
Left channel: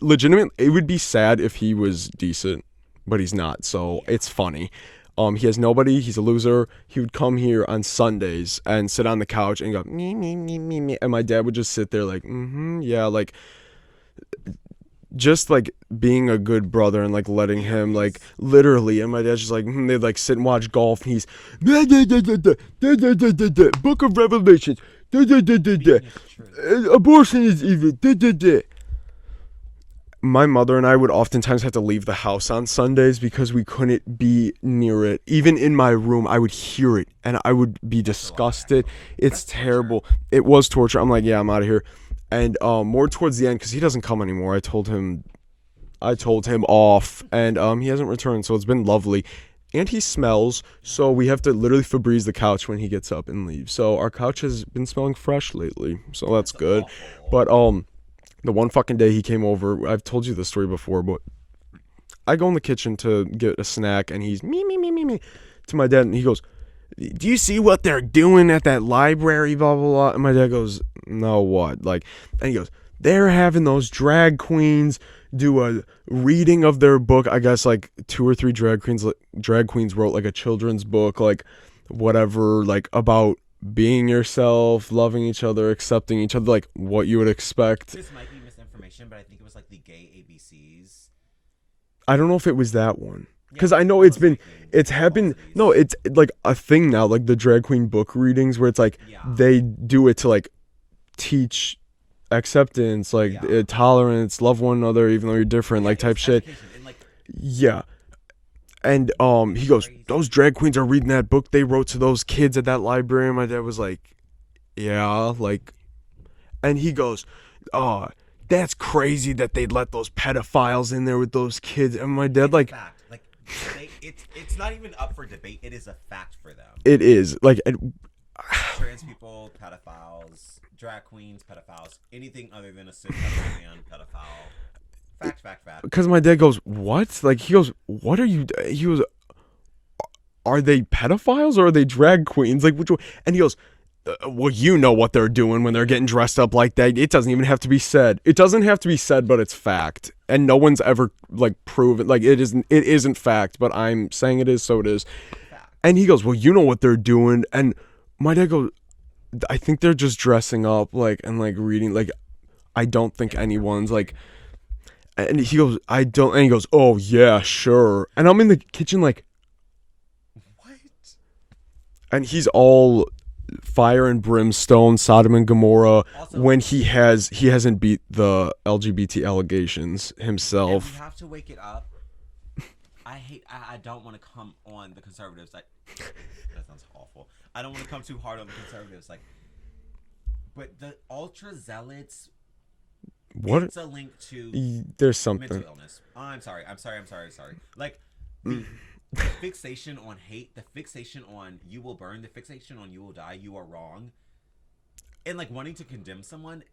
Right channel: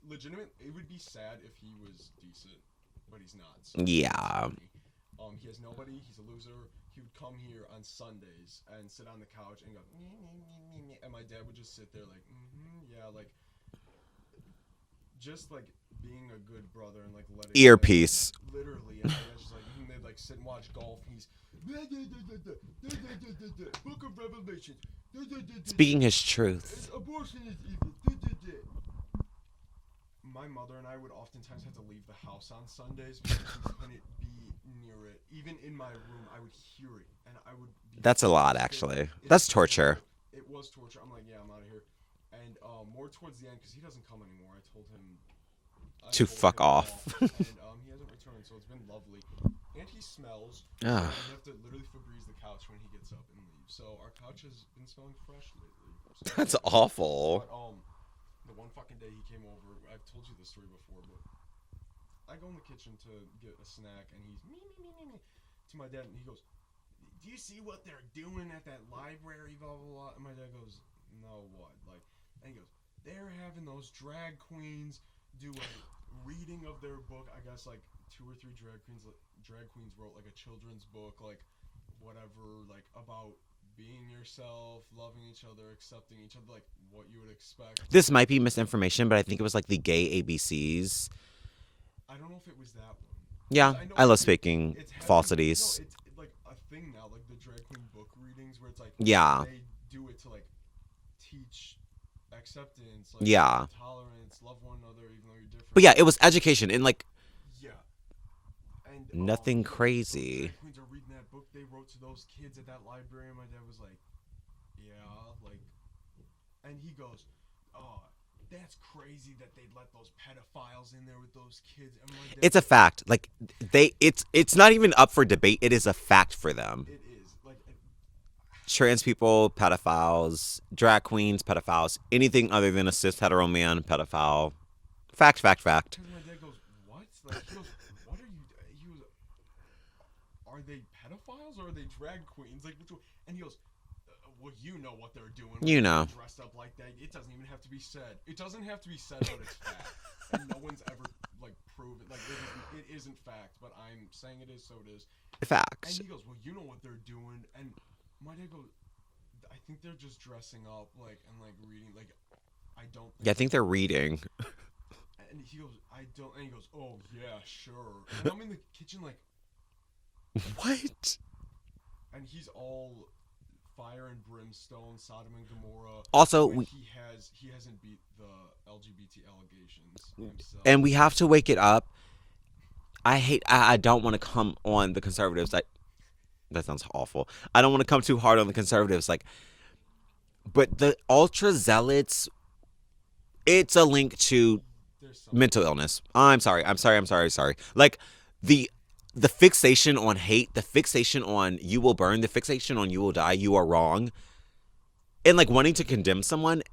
Legitimate. It would be sad if he was decent, but he's not. So it's funny. He has nobody. He's a loser. He would come here on Sundays and sit on the couch and go me, and my dad would just sit there just like being a good brother and like letting him like Earpiece. literally, and my dad's just like they'd like sit and watch golf, and he's Book of Revelation, Speaking his truth. abortion is evil. My mother and I would oftentimes have to leave the house on Sundays because we couldn't be near it. Even in my room, I would hear it and I would be That's disgusted. a lot, actually. It's That's terrible. torture. It was torture. I'm like, yeah, I'm out of here. And more towards the end, because he doesn't come anymore. I told him fuck off, and he hasn't returned. So it's been lovely. And he smells, so we have to literally Febreze the couch when he gets up and leaves. So our couch has been smelling fresh lately. So that's good. Awful. But the one fucking day he came over, I've told you this story before, but I go in the kitchen to get a snack, and he's me to my dad, and he goes, "Do you see what they're doing at that library, blah, blah, blah?" And my dad goes, "No, what?" Like, and he goes, "They're having those drag queens do a reading of their book." I guess like 2 or 3 drag queens wrote like a children's book, like whatever, like about being yourself, loving each other, accepting each other, like what you would expect. This might be misinformation, but I think it was like the gay ABCs. I don't know if it was that one. Yeah, because I know it's happened. No, it's like a thing now, like the drag queen book readings, where it's like they do it to like teach acceptance, like tolerance, love one another even though you're different. But yeah, like, it was shit. education and like and nothing he goes, crazy. "Those drag queens are reading that book they wrote to those kids at that library." And my dad was like, "Yeah, like," and he goes, "Oh, that's crazy that they'd let those pedophiles in there with those kids." And my dad, it's like, a fact. Like it's not even up for debate. It is a fact for them. It is like trans people, pedophiles, drag queens, pedophiles, anything other than a cis hetero man, pedophile. Fact. Because my dad goes, "What?" Like he goes, "What are you?" He goes, "Are they pedophiles or are they drag queens? Like which one?" And he goes, "Well, you know what they're doing when they're getting dressed up like that. It doesn't even have to be said. It doesn't have to be said, but it's fact. And no one's ever like proven like it isn't fact, but I'm saying it is, so it is fact." And he goes, "Well, you know what they're doing." And my dad goes, "I think they're just dressing up like and like reading. Like I don't think anyone's like." And he goes, "I don't." And he goes, "Oh yeah, sure." And I'm in the kitchen like, what? And he's all fire and brimstone, Sodom and Gomorrah. Also, when he hasn't beat the LGBT allegations himself. And we have to wake it up. I don't want to come on the conservatives. That sounds awful. I don't want to come too hard on the conservatives. Like, but the ultra zealots. It's a link to there's something mental illness. I'm sorry. Like the fixation on hate, the fixation on you will burn, the fixation on you will die, you are wrong, and like wanting to condemn someone.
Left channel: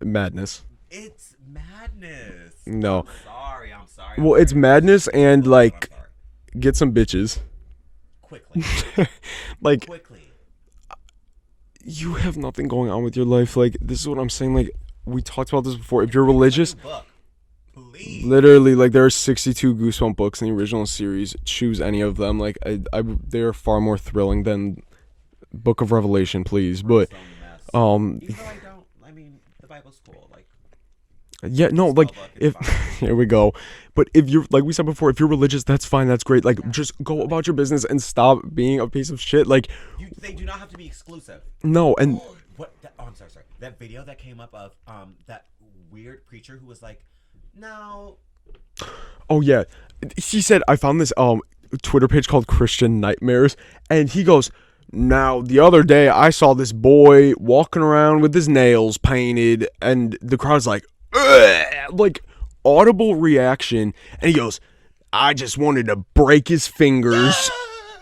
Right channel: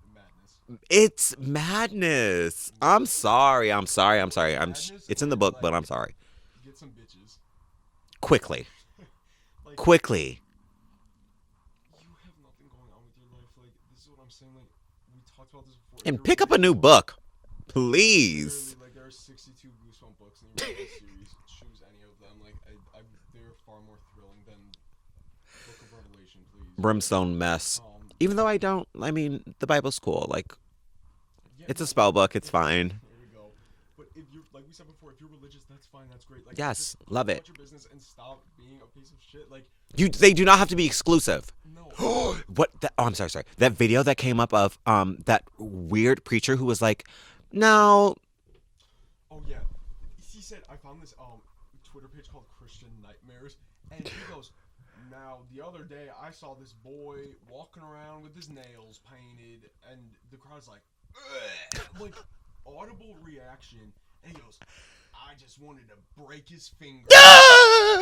Madness. It's madness. No. I'm sorry. Well, it's madness and book, like I'm sorry. Get some bitches quickly. Like quickly. You have nothing going on with your life. Like this is what I'm saying. Like we talked about this before. If you're pick religious, up a new book, please. Literally, like there are 62 Goosebump books in the original series. Choose any of them. Like they are far more thrilling than Book of Revelation. Please, Brimstone mess. Even though I mean, the Bible's cool. Like, yeah, it's no, a spell like book. It's fine. Here we go. But if you're like we said before, if you're religious, that's fine. That's great. Like, yes, just go about your business and stop being a piece of shit. Like, they do not have to be exclusive. No, and what? I'm sorry. That video that came up of that weird preacher who was like, no. Oh yeah, he said I found this Twitter page called Christian Nightmares, and he goes, "Now the other day I saw this boy walking around with his nails painted, and the crowd's like, ugh! Like audible reaction, and he goes, I just wanted to break his fingers."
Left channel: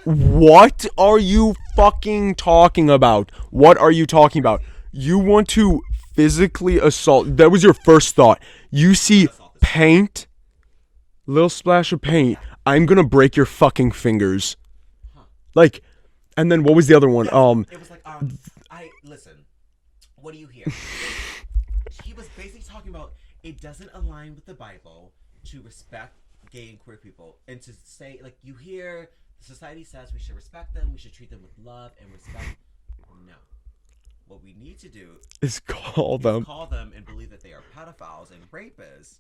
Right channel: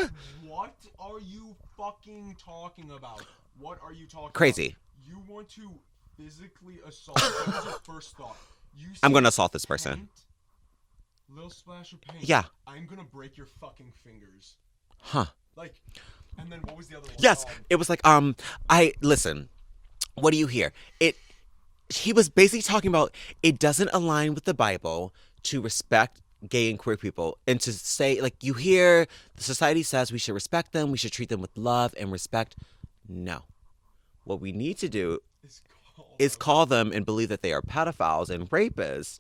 What are you fucking talking about? What are you talking Crazy. about? You want to physically assault? That was your first thought. You see paint, little splash of paint. Yeah. I'm gonna break your fucking fingers. Huh. Like, and then what was the other one? Yes. It was like, listen, what do you hear? He was basically talking about it doesn't align with the Bible to respect gay and queer people, and to say, like, you hear the society says we should respect them, we should treat them with love and respect. No. What we need to do is call them and believe that they are pedophiles and rapists,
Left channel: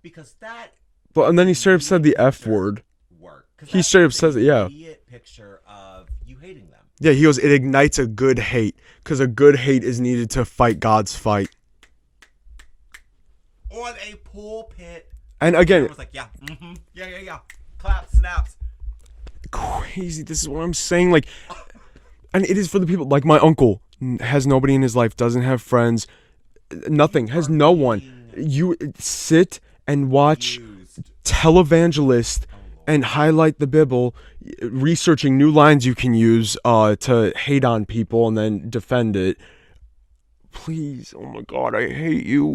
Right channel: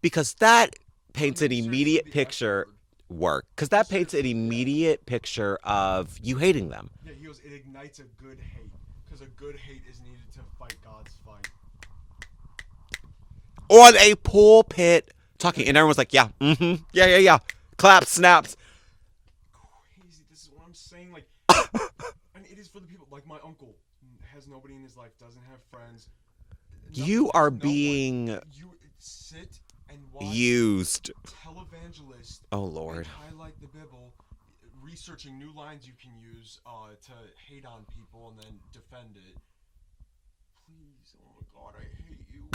because that But and then he straight up said the F picture word. Work, because that straight up paints says an it, yeah. immediate picture of you hating them. Yeah, he goes, it ignites a good hate, because a good hate is needed to fight God's fight. On a pulpit. And again, everyone's like, yeah, yeah. Clap, snaps. Crazy. This is what I'm saying. Like, and it is for the people. Like, my uncle has nobody in his life, doesn't have friends, nothing, has no one. You sit and watch televangelist and highlight the Bible, researching new lines you can use to hate on people and then defend it. Please, oh my God, I hate you.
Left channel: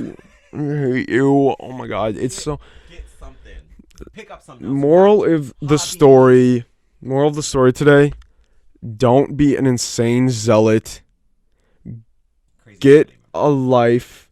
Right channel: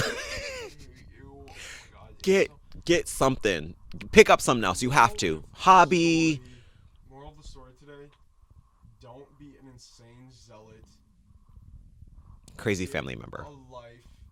I hate you. Oh my God, get something. Pick up something else. Moral of the story today: don't be an insane zealot. Crazy Get family member. a life.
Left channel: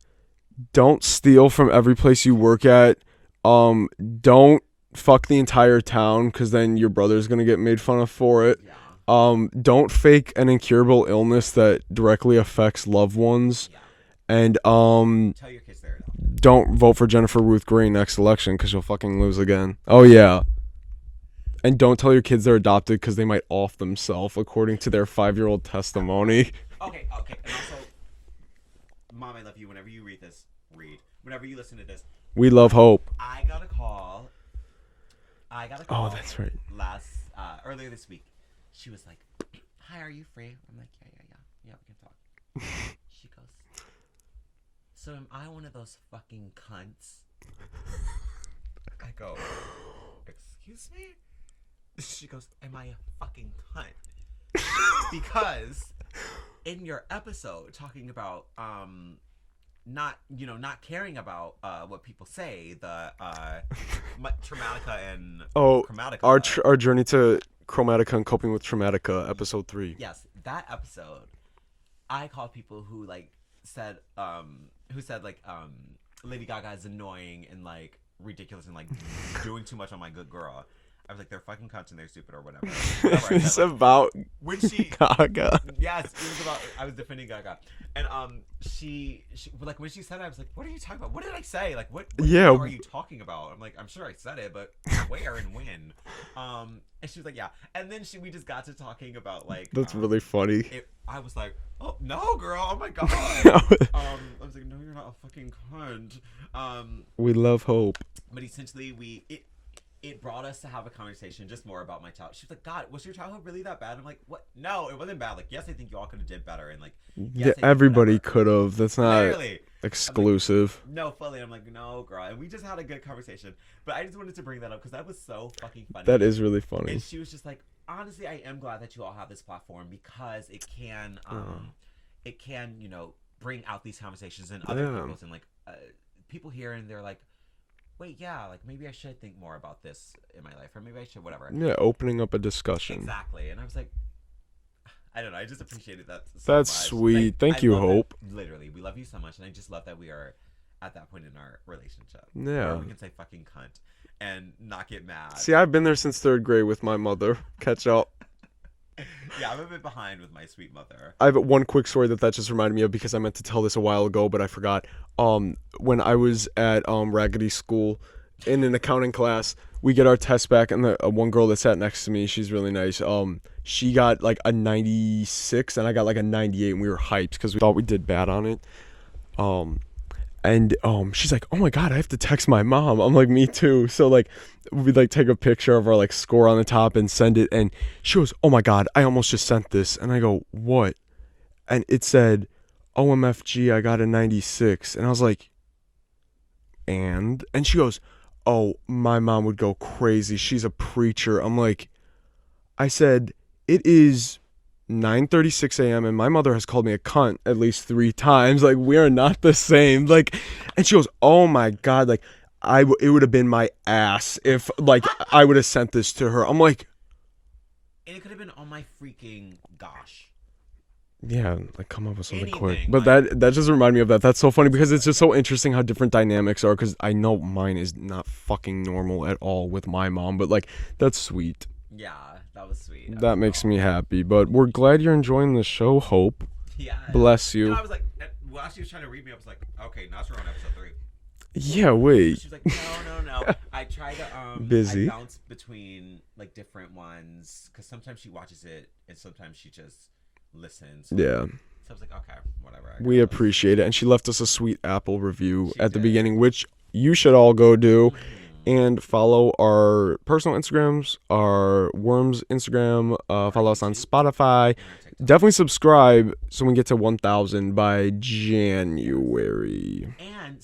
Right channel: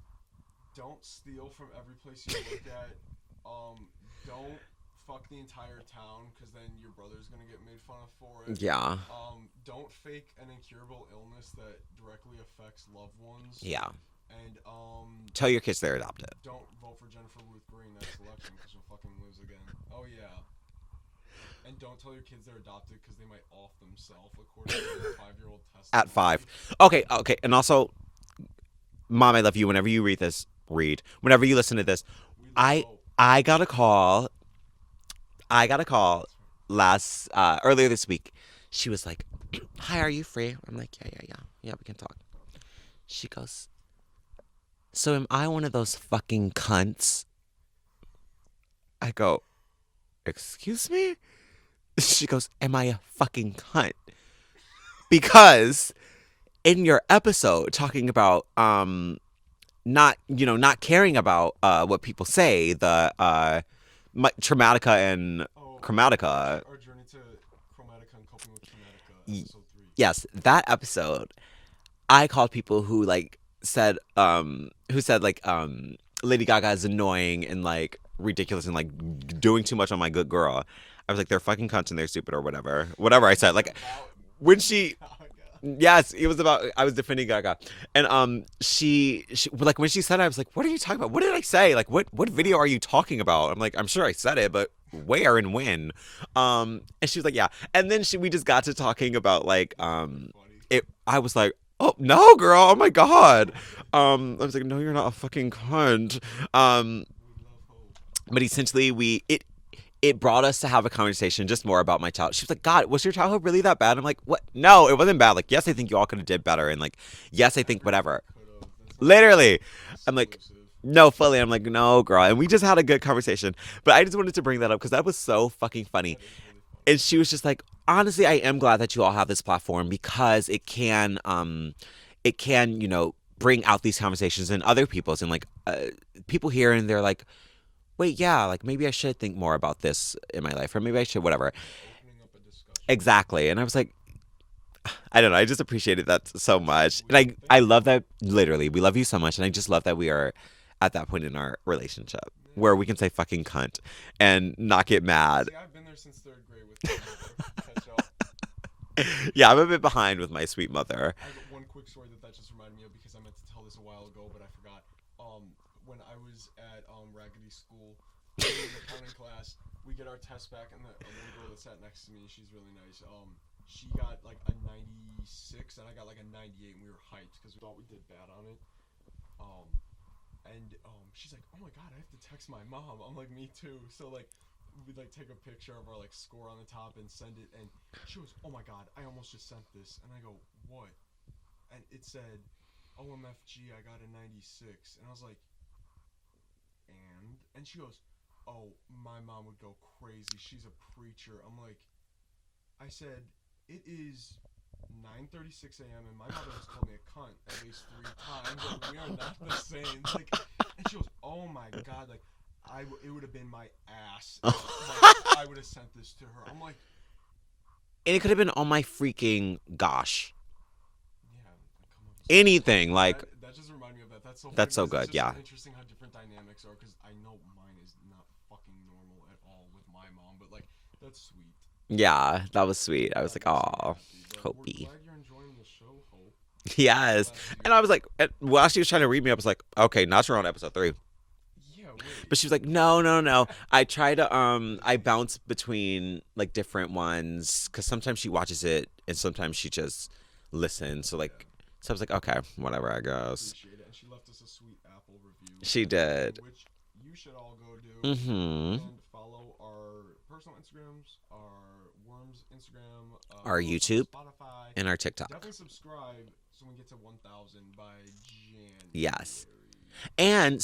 Don't steal from every place you work at. Don't fuck the entire town, because then your brother's gonna get made fun of for it. Yeah. Don't fake an incurable illness that directly affects loved ones. Yeah. And tell your kids they're adopted. Don't vote for Jennifer Ruth Green next election, because you'll fucking lose again. Oh yeah. And don't tell your kids they're adopted, because they might off themselves according to their 5-year-old testimony. Okay. And also, Mom, I love you. Whenever you whenever you listen to this, we love hope. I got a call. Oh, that's right. Earlier this week. She was like, "Hi, are you free?" I'm like, "Yeah, we can talk." She goes, "So am I one of those fucking cunts?" I go, "Excuse me?" She goes, "Am I a fucking cunt?" Because in your episode talking about not caring about what people say, the Traumatica and Chromatica. Our journey to Chromatica and coping with Traumatica, episode 3. Yes, that episode, I called people who said Lady Gaga is annoying and like ridiculous and like doing too much on my good girl. I was like, they're fucking cunts and they're stupid or whatever I said. Like, about when she Gaga. Yes, it was about, I was defending Gaga, and she like when she said it, I was like, what are you talking about? What did I say? Like, what video are you talking about? I'm like, I'm sure I said it, but where and when? And she was like, yeah. And then we just got to talking about like that's really funny. I was like, oh no, girl! Oh my God! I was like, no, you're not a fucking cunt. We love hope. But essentially, it brought us to have a conversation just more about my childhood. She was like, God, was your childhood really that bad? I'm like, what? No, it wasn't bad. Like, yes, I think you all could have did better. And like, yes, I think everybody could have. That's not literally exclusive. Like, no, fully. I'm like, no, girl. And we just had a good conversation. But I just wanted to bring that up because that was so fucking funny. That is really funny. And she was just like, honestly, I am glad that you all have this platform because it can, bring out these conversations in other people's and like people here and they're like, wait, yeah, like maybe I should think more about this in my life, or maybe I should, whatever. Yeah, opening up a discussion. Exactly. And I was like, I don't know, I just appreciated that so That's much. Sweet. Like, Thank I you, love Hope. that. Literally, we love you so much, and I just love that we are at that point in our relationship where we can say fucking cunt and not get mad. See, I've been there since 3rd grade with my mother. Catch up. Yeah, I'm a bit behind with my sweet mother. I have one quick story that just reminded me of because I meant to tell this a while ago, but I forgot. When I was at Raggedy School in an accounting class, we get our test back, and the one girl that sat next to me, she's really nice. She got like a 96, and I got like a 98, and we were hyped because we thought we did bad on it. And she's like, oh my God, I have to text my mom. I'm like, me too. So like we like take a picture of our like score on the top and send it, and she goes, oh my God, I almost just sent this. And I go, what? And it said, OMFG, I got a 96. And I was like, and she goes, oh, my mom would go crazy. She's a preacher. I'm like, I said, it is 9:36 a.m. and my mother has called me a cunt at least 3 times. Like, we are not the same. Like, and she goes, oh my God, like it would have been my ass if like I would have sent this to her. I'm like, and it could have been, oh my freaking gosh. Yeah, like come up with anything. But like, that just reminded me of that. That's so funny because so it's just so interesting how different dynamics are. Because I know mine is not fucking normal at all with my mom, but like that's sweet. Yeah, that was sweet. That makes me happy. But we're glad you're enjoying the show, Hope. Yes. Bless you. And I was like, while she was trying to read me, I was like, okay, now we're on episode 3. Yeah, wait. But she was like, no. I try to Busy. I bounce between like different ones because sometimes she watches it and sometimes she just listens. So, yeah. So I was like, okay, whatever. I guess. We appreciate it. And she left us a sweet Apple review She at the did. beginning, which you should all go do. Mm-hmm. And follow our personal Instagrams, our Worms Instagram, follow us on YouTube, Spotify. and our TikTok. Definitely subscribe so we can get to 1,000 by January. Yes. And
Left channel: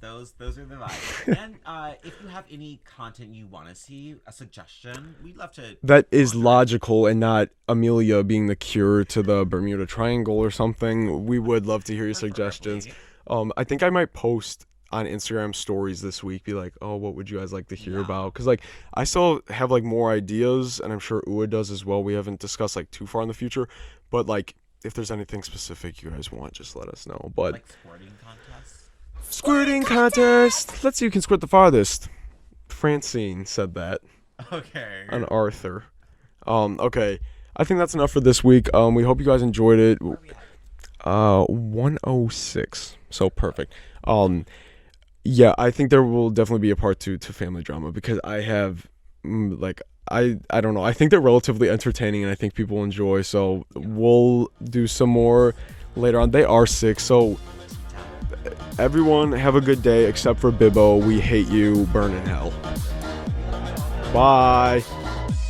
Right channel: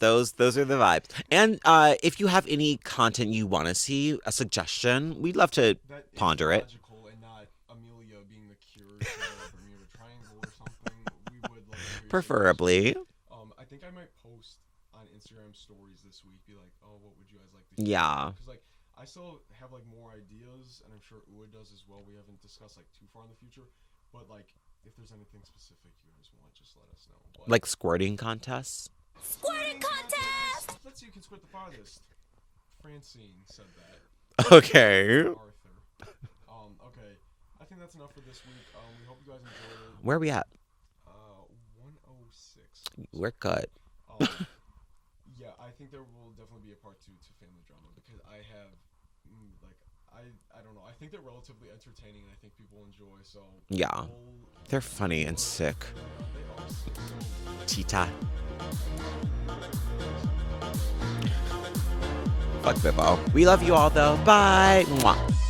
those are the vibe. And if you have any content you want to see, a suggestion, we'd love to. That is ponder logical and not Amelia being the cure to the Bermuda Triangle or something. We would love to hear your Preferably. suggestions. I think I might post on Instagram stories this week, be like, oh, what would you guys like to hear about? Because like I still have like more ideas, and I'm sure Ua does as well. We haven't discussed like too far in the future, but like if there's anything specific you guys want, just let us know. But like squirting contests. Squirting contest. Let's see who can squirt the farthest. Francine said that. Okay. And Arthur. Okay. I think that's enough for this week. We hope you guys enjoyed it. Where are we at? 106. So We're perfect. Yeah, I think there will definitely be a part 2 to family drama because I have I don't know. I think they're relatively entertaining and I think people enjoy. So we'll do some more later on. They are sick. So Tita. Everyone have a good day except for Bibbo. We hate you. Burn in hell. Fuck Bibbo. We love you all though. Bye. Bye. Mwah.